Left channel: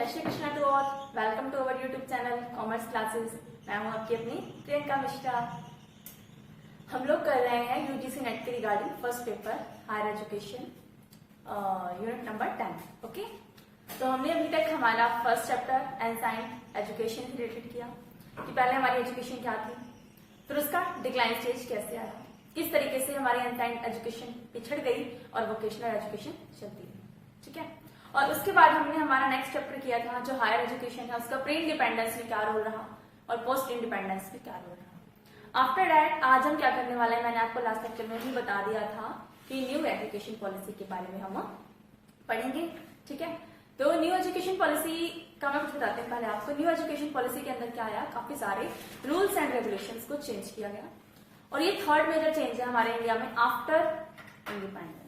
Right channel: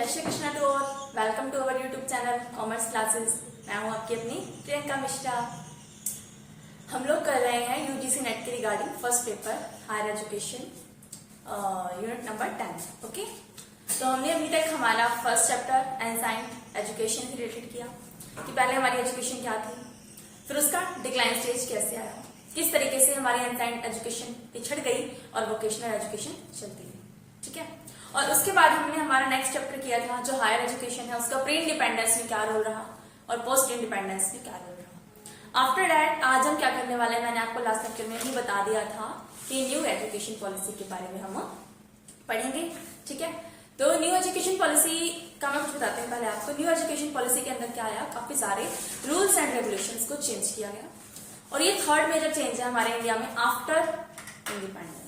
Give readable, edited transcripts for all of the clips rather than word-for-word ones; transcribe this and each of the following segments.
जय Shri Krishna to all. Welcome to our YouTube channel commerce classes. मैं हूं आपकी अपनी प्रियंका मिश्रा। हम लोग कर रहे हैं यूजीसी नेट के regarding first paper higher education unit number 10। Okay, तो हमने अभी तक हमारा फर्स्ट चैप्टर एनसाइंड एजुकेशन से रिलेटेड किया कि पहले हमारी एजुकेशन क्या थी, फिर उसका डिक्लाइन स्टेज कैसे आया, किस तरीके से हमारी एनसाइंड एजुकेशन पिछड़ गई और वोकेशनल एजुकेशन चलती है। ठीक है, और उसके बाद हमने हमारा नेक्स्ट चैप्टर किया था जो हायर एजुकेशन है, उसका प्री इंडिपेंडेंस में क्या रोल रहा और पोस्ट इंडिपेंडेंस में क्या रोल रहा। आफ्टर दैट आज हम क्या करने वाले हैं, मैंने आपको लास्ट लेक्चर में ही बता दिया था कि न्यू एजुकेशन पॉलिसी के बारे में हम पढ़ेंगे। ठीक है, तो न्यू एजुकेशन पॉलिसी का मैं कुछ बताते हैं पहले आपको। न्यू एजुकेशन पॉलिसी के अंदर क्या आया, काफी सारे रूल्स एंड रेगुलेशंस को चेंज किया गया और ये थर्ड मेजर चेंज है हमारे इंडिया में आफ्टर इंडिपेंडेंस।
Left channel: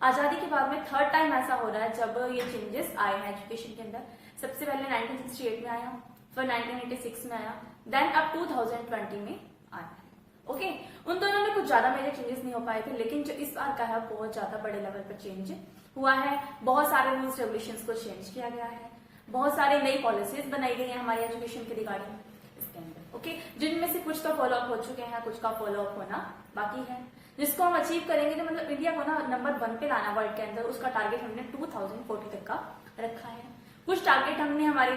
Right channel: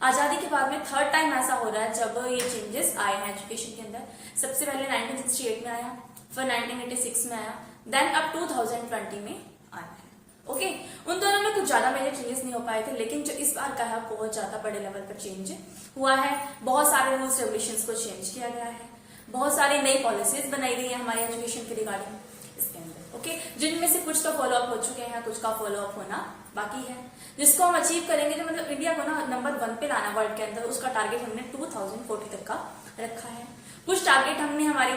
आजादी के बाद में थर्ड टाइम ऐसा हो रहा है जब ये चेंजेस आए हैं एजुकेशन के अंदर। सबसे पहले 1968 में आया, फिर 1986 में आया, देन अब 2020 में आया है। ओके, उन दोनों में कुछ ज्यादा मेजर चेंजेस नहीं हो पाए थे, लेकिन जो इस बार का है बहुत ज्यादा बड़े लेवल पर चेंज हुआ है। बहुत सारे रूल्स रेगुलेशंस को चेंज किया गया है, बहुत सारी नई पॉलिसीज बनाई गई है हमारी एजुकेशन के रिगार्डिंग इसके अंदर। ओके, जिनमें से कुछ तो फॉलो अप हो चुके हैं, कुछ का फॉलो अप होना बाकी है, जिसको हम अचीव करेंगे। तो मतलब इंडिया को ना नंबर 1 पे लाना वर्ल्ड के अंदर, उसका टारगेट हमने 2040 तक का रखा है। कुछ टारगेट हमने हमारे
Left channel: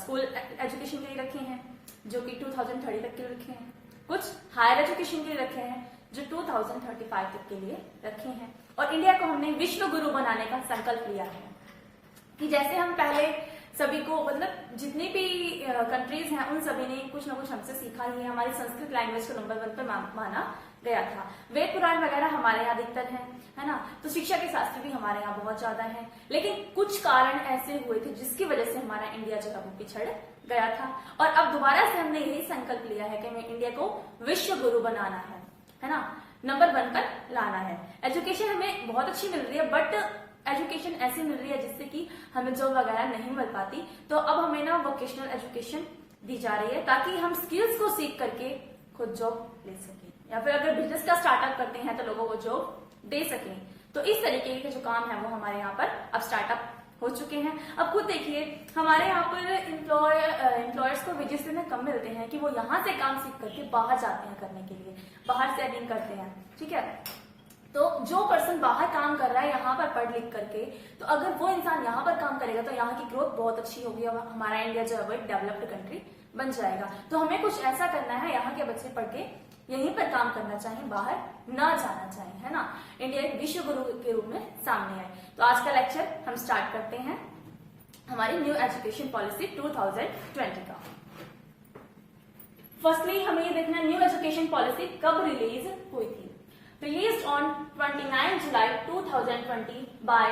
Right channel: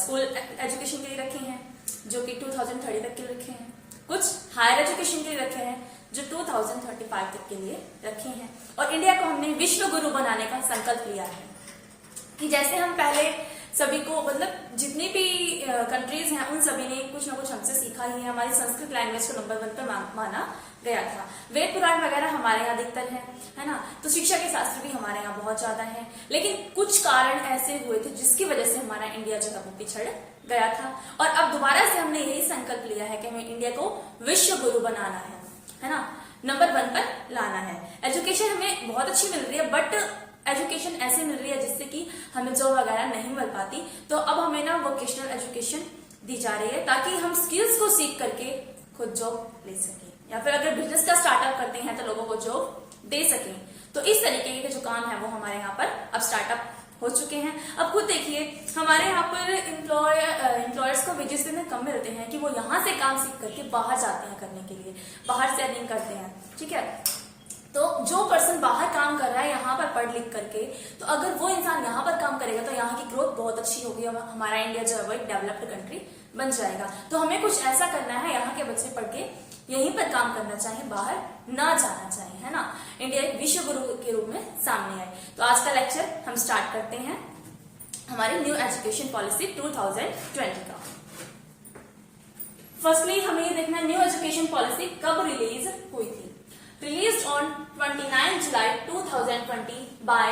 स्कूल एजुकेशन के लिए रखे हैं जो कि 2030 तक के लिए रखे हैं, कुछ हायर एजुकेशन के लिए रखे हैं जो 2035 तक के लिए रखे हैं। और इंडिया को हमने विश्व गुरु बनाने का संकल्प लिया है कि जैसे हम पहले सभी को मतलब जितनी भी कंट्रीज हैं उन सभी ने कुछ ना कुछ हमसे सीखा ही है। हमारी संस्कृत लैंग्वेज को नंबर 1 पर माना गया था। वेद पुराण वगैरह हमारे यहाँ अधिकतर है ना, तो शिक्षा के शास्त्र भी हमारे यहाँ बहुत ज्यादा है। लेकिन कुछ कारण ऐसे हुए थे जिसकी वजह से हमारा इंडिया जो है वो पिछड़ गया था और अब दोबारा से हमने यही संकल्प लिया है कि हमें इंडिया को विश्व गुरु बनाना है ना, नंबर 1 पर लाना है। एजुकेशन हमें बहुत अच्छी मिल रही है, बट एजुकेशन ऐसे मिल रही है जिससे कि हमें जॉब वगैरह नहीं मिल पाती। तो अब हमें ना वोकेशनल एजुकेशन दी जा रही है ताकि हम स्किल्स को सीख करके खुद जॉब ले सकें, या फिर अगर बिजनेस का स्टार्टअप करते हैं तो लोगों को जॉब दे सकें। तो इस तरीके के जो काम है वो हमारे यहाँ पर अब स्टार्टअप हो चुके हैं। अब खुद देखिए हमारे यहाँ पर एम्प्लॉयर्स को वेजेस इतने कम मिलते हैं कि वो यहाँ से काम सीख करके बाहर जाते हैं करने के लिए, बाहर से अर्निंग करते हैं। ठीक है, तो जो पर्सन बाहर काम कर रहा है यहाँ पर पढ़ लिख करके, तो अगर वो इंसान यहाँ पर काम करेगा तो यहाँ की ग्रोथ बहुत अच्छी होगी और हमारा इंडिया जो है वो एक डेवलप्ड कंट्री बन जाएगा। तो हमें कुछ ऐसा करना है, यहाँ के बच्चे पढ़ के यहीं पर काम करना चाहिए, बाहर ना जाना चाहिए, है ना। इंडिया एक विश्व गुरु के रूप में सामने आए। तो आज का लेक्चर हम स्टार्ट करते हैं हमारी न्यू एजुकेशन पॉलिसी 2020 का। फर्स्टली हमें ये देखना है न्यू एजुकेशन पॉलिसी कब रिलीज हुई थी। Released on 29 July 2020 by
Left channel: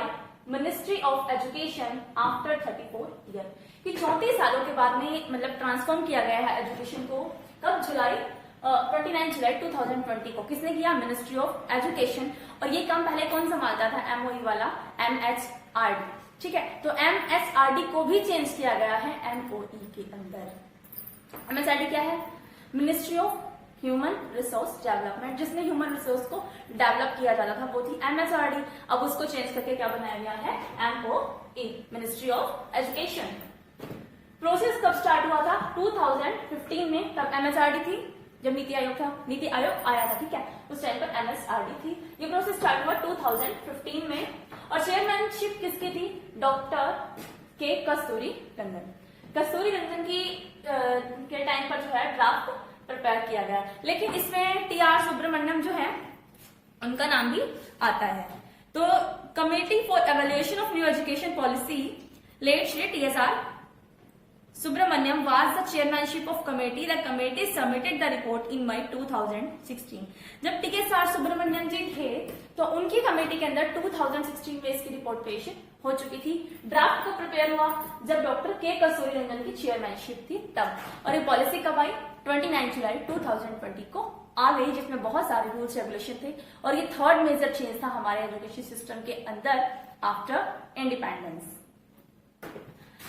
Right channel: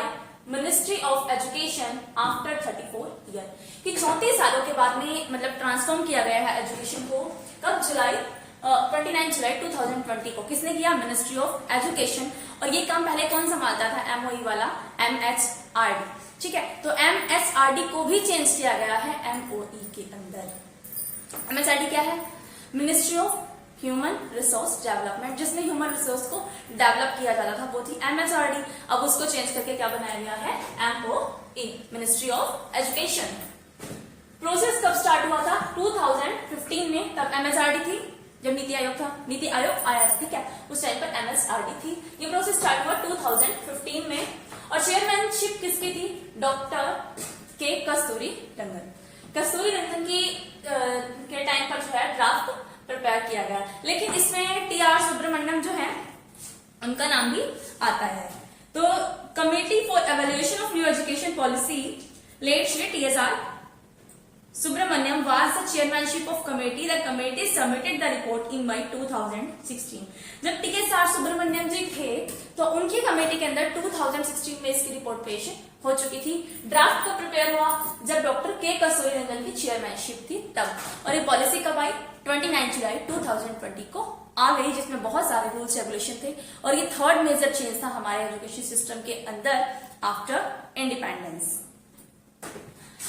Ministry of Education after 34 year। कि 34 सालों के बाद में मतलब ट्रांसफॉर्म किया गया है एजुकेशन को। कब? 29 जुलाई 2020 को किसने किया? Ministry of education. और ये काम पहले कौन संभालता था? MOE वाला MHRD। ठीक है, तो MHRD को भी चेंज किया गया है MOE के अंदर। MHRD क्या है? Ministry of human resource development, जिसमें ह्यूमन रिसोर्स को डेवलप किया जाता था वो थी MHRD। अब उसको चेंज करके क्या बनाया गया है? MOE, ministry of education. Process कब स्टार्ट हुआ था? 2015 में, तब MHRD थी जब नीति आयोग था, नीति आयोग आया था। ठीक है, उस टाइम पर MHRD थी। ये प्रोसेस स्टार्ट हुआ 2015 में और चेयरमैनशिप किसकी थी? डॉक्टर के कस्तूरी रंगन। कस्तूरी रंगन की के टाइम पर जो है ड्राफ्ट प्रिपेयर किया गया, लेकिन इसमें TR सुब्रमण्यम जो है उनका नाम भी आता है। तो committee for evaluation of new education policy led Shri TSR Subramanian was the chairmanship of committee. The committee submitted the report in May 2016। जब TSR सुब्रमण्यम जी थे तो उनकी कमेटी के अंदर 2016 में इसकी रिपोर्ट पेश हो चुकी थी। ड्राफ्ट को प्रिपेयर हुआ जब डॉक्टर के कस्तूरी रंगन की चेयरमैनशिप थी तब। और ये पॉलिसी कब आई? 29 जुलाई 2020 को आ गई, जिसमें बहुत सारे रूल्स रेगुलेशन थे और ये थर्ड मेजर चेंज था हमारे एजुकेशन सिस्टम के अंदर आफ्टर इंडिपेंडेंस।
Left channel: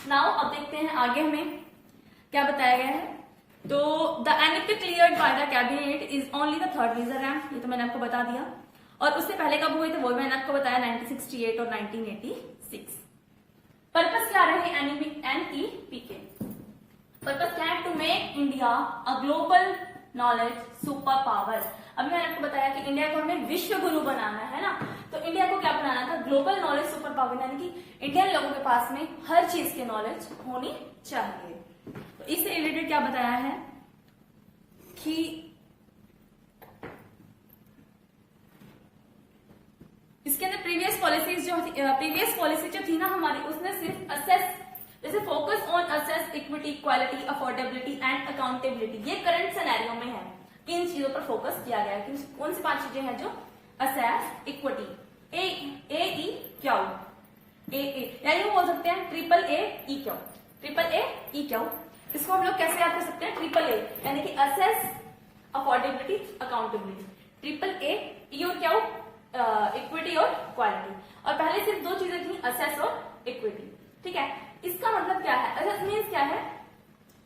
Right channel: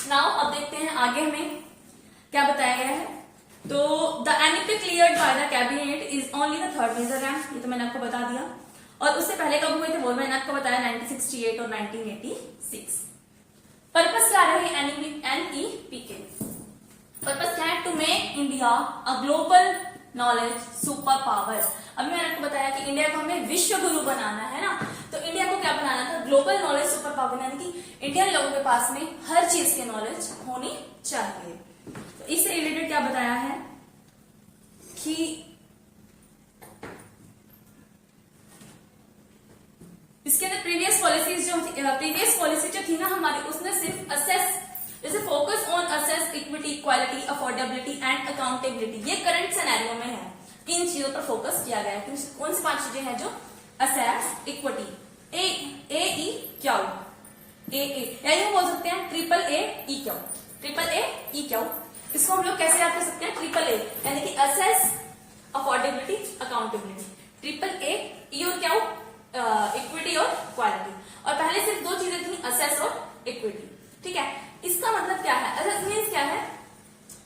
नाउ अब देखते हैं आगे हमें क्या बताया गया है। तो the emic cleared by the cabinet is only the third major rank, ये तो मैंने आपको बता दिया। और उससे पहले कब हुए थे वो मैंने आपको बताया 1968 और 1986। पर्पस क्या रहे NEP के? पर्पस क्या है? To make India a global knowledge super power. अभी मैंने आपको बताया कि इंडिया को हमें विश्व गुरु बनाना है ना, तो इंडिया को क्या बनाना था? ग्लोबल नॉलेज सुपर पावर, यानी कि इंडियन लोगों के पास में हर चीज की नॉलेज होनी चाहिए। तो इससे रिलेटेड क्या बताया है कि इसके अंदर प्रीवियस पॉलिसी जो थी ना हमारी, उसने सिर्फ असेस, जैसे focus on assess equity, equality, affordability and accountability, ये करंट सिनेरियो में है कि इन चीजों पर फोकस किया गया है। कौन सी 5 चीजें हैं? जो असेस, इक्विटी, ए क्यू, या यूं बोल सकते हैं ट्रिपल ए ई क्यू। इसको हम लोग कैसे याद कर सकते हैं? ट्रिपल ए यानी कि access, affordability, accountability, triple A, E और क्यू, इक्विटी और क्वालिटी। और पहले सिर्फ 2 चीजें थी, असेस और इक्विटी, ठीक है। इसका मतलब क्या है? असेस मीन्स क्या है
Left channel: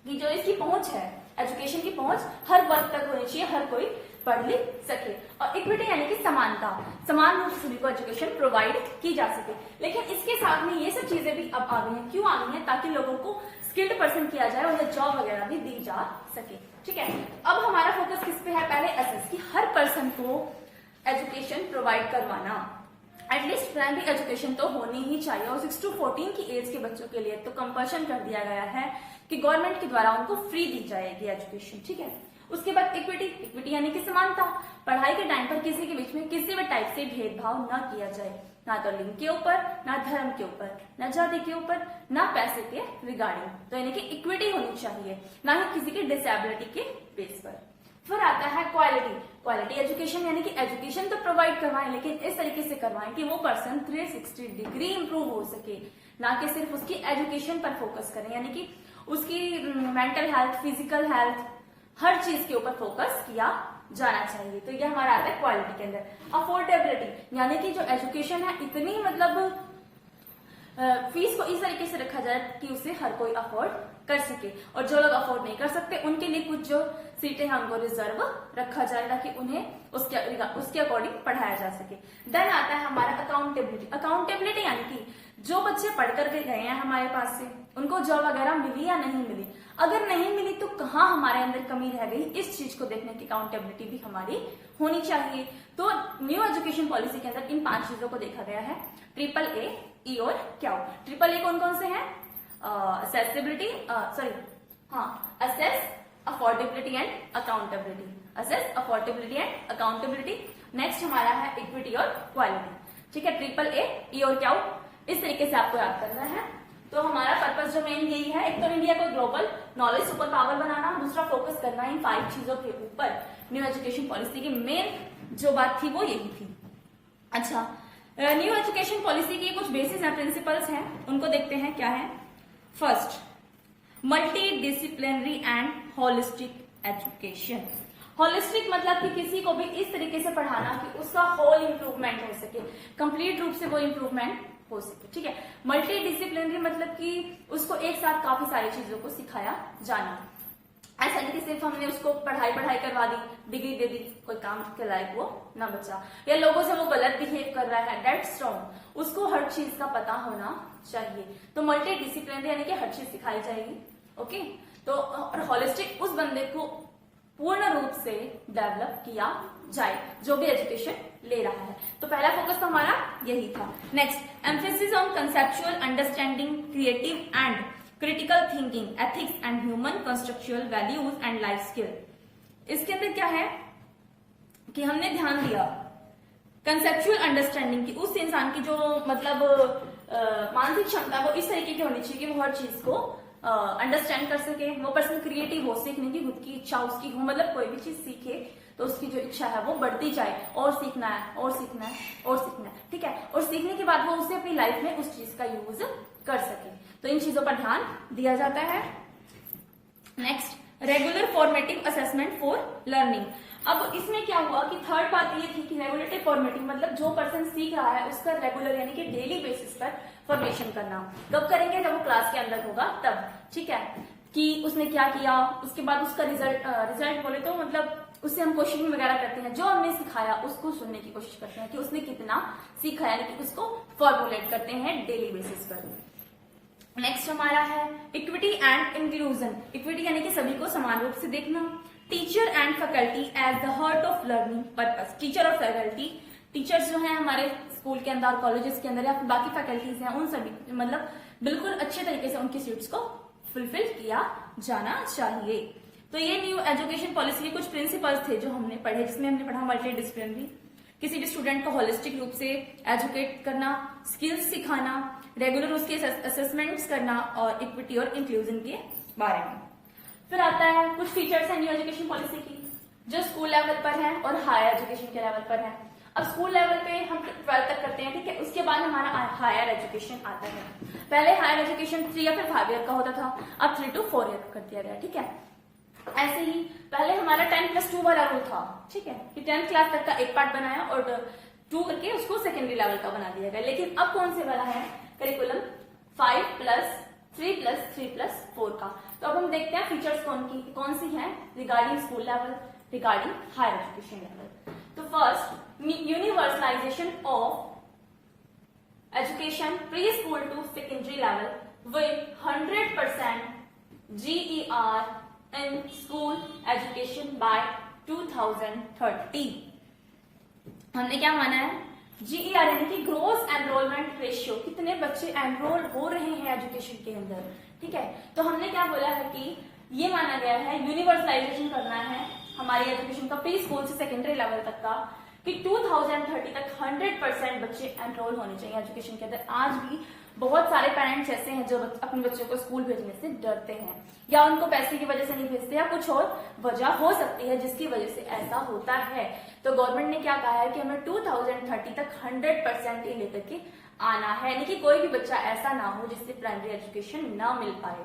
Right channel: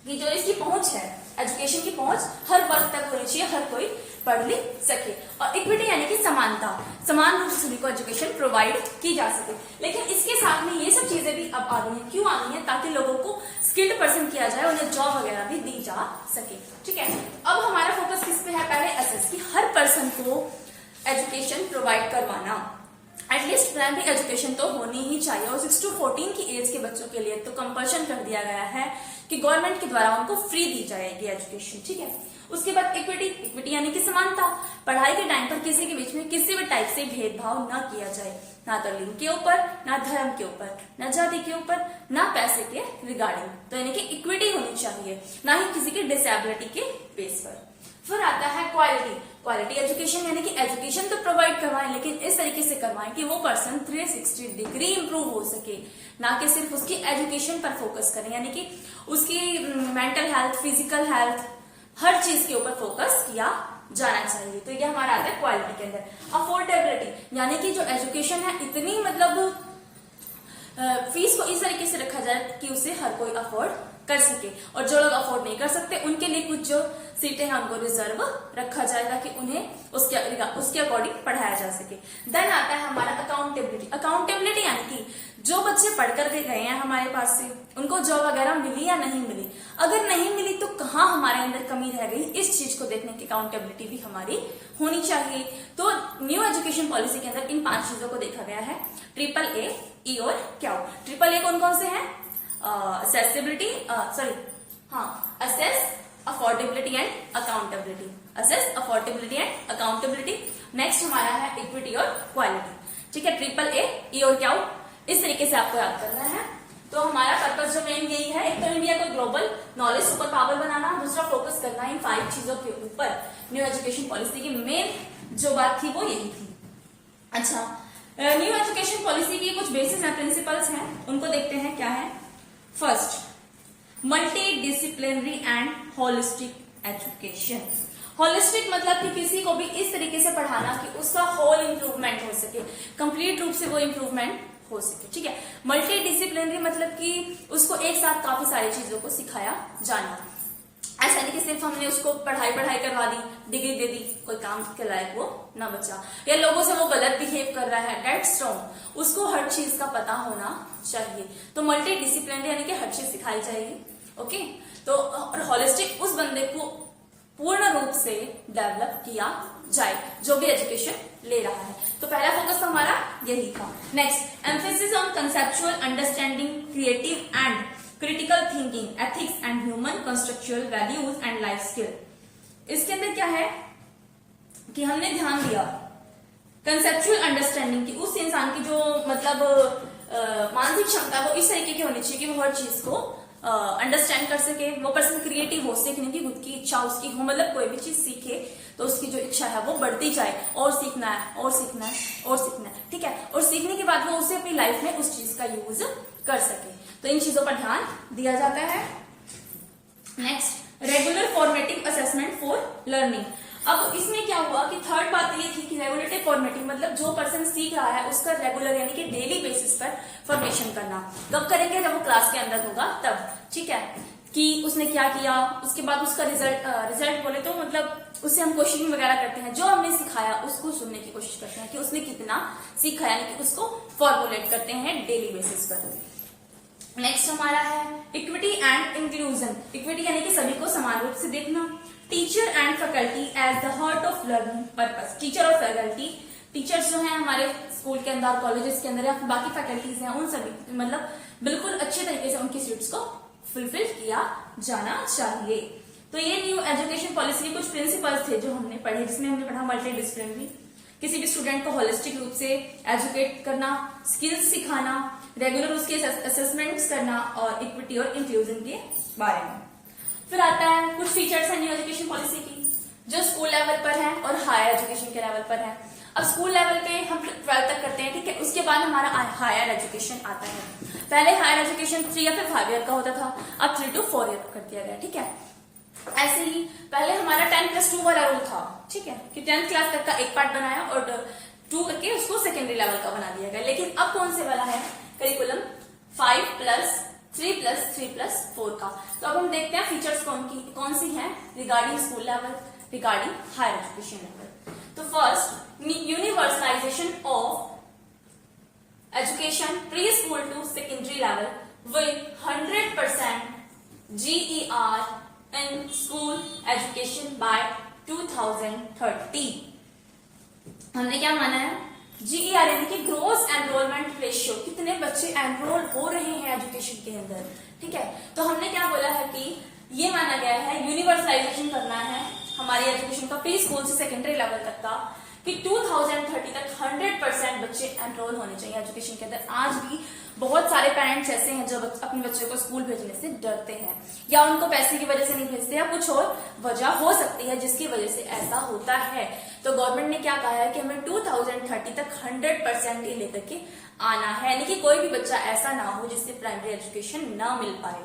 कि जो इसकी पहुंच है, एजुकेशन की पहुंच हर वर्ग तक होनी चाहिए, हर कोई पढ़ लिख सके। और इक्विटी यानी कि समानता, समान रूप से सभी को एजुकेशन प्रोवाइड की जा सके। लेकिन इसके साथ में ये सब चीजें भी अब आ गई हैं। क्यों आ गई हैं? ताकि लोगों को स्किल्ड पर्सन किया जाए, उन्हें जॉब वगैरह भी दी जा सके, ठीक है। अब हमारा फोकस किस पे है? पहले असेस, कि हर पर्सन को एजुकेशन प्रोवाइड करवाना, एटलीस्ट प्राइमरी एजुकेशन तो होनी ही चाहिए। और 6 to 14 की एज के बच्चों के लिए तो कंपल्शन कर दिया गया है कि गवर्नमेंट के द्वारा उनको फ्री दी जाएगी एजुकेशन, ठीक है। उसके बाद इक्विटी यानी कि समानता, पढ़ाई के टाइम पर किसी के बीच में किसी भी टाइप से भेदभाव न किया जाए, ना तो लिंग के ऊपर, ना धर्म के ऊपर, ना जाति के ऊपर, ना पैसे के रिगार्डिंग। तो यानी कि इक्विटी होनी चाहिए, ना ही किसी की डिसेबिलिटी के बेस पर। फिर आता है क्वालिटी एजुकेशन, यानी कि एजुकेशन तो प्रोवाइड करवाएं, लेकिन इस तरीके से करवाएं कि वो पर्सन 360 डिग्री इंप्रूव हो सके, ना कि सिर्फ उसकी एजुकेशन पर फोकस करें, यानी कि उसकी मेंटल हेल्थ, फिजिकल हेल्थ, हर चीज के ऊपर फोकस किया जाना चाहिए। तो ये हमारा आता है क्वालिटी के अंदर। अफोर्डेबिलिटी यानी कि जो एजुकेशन है इतनी मतलब फीस को इस तरीके से रखा जाए कि उसे हर कोई अफोर्ड कर सके, और जो लोग अफोर्ड नहीं कर सकते उनके लिए कुछ जो सीटें हैं उनको रिजर्व रखा जाए ताकि उन्हें उसके अकॉर्डिंग पढ़ाया जा सके। देन आता है हमारा अकाउंटेबिलिटी यानी कि जो बच्चे पढ़ कर गए हैं हमारे पास से, उनको जॉब वगैरह मिली या नहीं मिली, अगर नहीं मिली तो कहाँ हमारे अंदर कमी रह गई, इस चीज को देखने की अकाउंटेबिलिटी भी हमारी होनी चाहिए। तो न्यू एजुकेशन पॉलिसी के अंदर इन 5 चीजों को देखा गया है, ट्रिपल ए, ई और क्यू। ट्रिपल ए कौन कौन से हैं? Assess, affordability and accountability, assess, affordability and accountability. Next हमारा है इक्विटी और क्वालिटी, ठीक है। ट्रिपल ए, ई और क्यू, इस तरीके से आपको याद करना है। तो हमारा पर्पस जो मेन यही है, एक तो इंडिया को ग्लोबल नॉलेज सुपर पावर बनाना, दूसरा फोकस करना है इन 5 चीजों के ऊपर। न्यू एजुकेशन पॉलिसी की मेन जो बात थी वो यही थी। अच्छा, न्यू एजुकेशन पॉलिसी की कुछ बेसिस हैं, प्रिंसिपल्स हैं, उनको देखते हैं क्या है। First, multi disciplinary and holistic education. Holistic मतलब कि किसी को भी इस तरीके से पढ़ाना कि उसका होल इंप्रूवमेंट हो सके, कंप्लीट रूप से वो इंप्रूवमेंट हो सके, ठीक है। मल्टी डिसिप्लिनरी मतलब कि उसको एक साथ काफी सारी चीजों को सिखाया जाना। ऐसा नहीं कि सिर्फ हमने उसको पढ़ाई करवा दी, डिग्री दे दी, कोई काम के लायक वो ना बचा, या लोगों से वो गलत बिहेव कर रहा है, दैट्स रॉन्ग। उसको हर चीज का पता होना चाहिए। तो मल्टी डिसिप्लिनरी यानी कि हर चीज सिखाई जाएगी, ओके। तो और होलिस्टिक उस बंदे को पूर्ण रूप से डेवलप किया जाए जो भी एजुकेशन ले रहा है। तो पहला फोकस तो हमारा यही था। Next, emphasis on conceptual understanding, creative and critical thinking, ethics and human constitutional values and life skill. इसके अंदर क्या है कि हमने ध्यान दिया कंसेप्चुअल अंडरस्टैंडिंग की, उस इंसान की जो मतलब मानसिक क्षमता वो इस तरीके की होनी चाहिए कि वो हर चीज को अंडरस्टैंड कर सके। वो पर्सन क्रिएटिव हो, सीखने की खुद की इच्छा उसकी हो, मतलब कोई भी चीज सीखे तो उसकी जो इच्छा है वो बढ़ती जाए, और सीखना है और सीखना है और सीखना है, ठीक है। और सीखने के बाद वो उसे अपनी लाइफ में उस चीज का यूज कर सके। तो इन चीजों पर ध्यान दिया जाता है। Next, regular formative assessment for learning. अब इसमें क्या हुआ कि थर्ड बात ये थी कि रेगुलेटिव फॉर्मेटिव मतलब जो पर्सन सीख रहा है उसका रेगुलर यानी कि डेली बेसिस पर फॉर्मेशन करना। कब करेंगे? जब वो क्लास के अंदर होगा तब, ठीक है, कि उसने क्या किया, उसके बाद उसका रिजल्ट बोले तो मतलब उससे हम क्वेश्चनिंग वगैरह करते हैं, जो हमने सिखाया उसको सुनने की कोशिश करते हैं कि उसने कितना सीखा, यानी कि उसको फॉर्मुलेट करते हैं डेली बेसिस पर। नेक्स्ट हमारा है इक्विटी एंड इंक्लूजन। इक्विटी यानी कि सभी को समान रूप से देखना। Teacher and faculty as the heart of learning purpose. Teacher और फैकल्टी, टीचर्स जो हैं हमारे स्कूल के अंदर, कॉलेजेस के अंदर या फिर बाकी फैकल्टीज हैं, उन सभी मतलब बिल्कुल अच्छे तरीके से उनकी सीट्स को फुलफिल किया जाना चाहिए। तो ये न्यू एजुकेशन पॉलिसी के कुछ प्रिंसिपल्स थे जो हमने पढ़े, जिसमें हमने पढ़ा मल्टी डिसिप्लिनरी, किसी भी स्टूडेंट को होलिस्टिक रूप से एजुकेट करना, स्किल्स सिखाना, रेगुलर उसके असेसमेंट्स करना और इक्विटी और इंक्लूजन के बारे में। फिर आता है कुछ फीचर्स है न्यू एजुकेशन पॉलिसी की जो स्कूल लेवल पर है और हायर एजुकेशन के लेवल पर है। अब स्कूल लेवल पे हम 12th तक करते हैं, ठीक है। उसके बाद हमारा हायर एजुकेशन आता है। पहले हायर एजुकेशन 3 या फिर 5 ईयर का होता था, अब 3 to 4 ईयर कर दिया गया, ठीक है। ऐसे ही पहले हमारा 10+2 वाला रूल था, ठीक है, कि 10th क्लास तक का एक पार्ट बनाया और 2 करके उसको सेकेंडरी लेवल का बना दिया गया। लेकिन अब कौन से वाला है करिकुलम 5+3+3+4 का। तो अब हम देखते हैं फीचर्स कौन सी हैं regarding school level, regarding higher education level. तो first, universalization of education pre school to secondary level with 100% GER in school education by 2030। हमने क्या माना है, GER यानी कि ग्रोस एनरोलमेंट रेशियो, कितने बच्चे एनरोल हो रहे हैं एजुकेशन के अंदर, ठीक है। तो हमने क्या बोला है कि ये माना गया है यूनिवर्सलाइजेशन करना है हमारी एजुकेशन का प्री स्कूल से सेकेंडरी लेवल तक का, कि 2030 तक 100% बच्चे एनरोल होने चाहिए एजुकेशन के अंदर। आज भी बहुत सारे पेरेंट्स ऐसे हैं जो अपने बच्चों को स्कूल भेजने से डरते हैं, या उनको पैसे की वजह से नहीं भेजते, या कुछ और वजह हो सकती है जिसकी वजह से ऐसा होता है। तो गवर्नमेंट ने क्या कहा है कि हमें 2030 तक 100% ये लेकर के आना है, यानी कि कोई भी बच्चा ऐसा ना हो जिससे प्राइमरी एजुकेशन ना मिल पाए,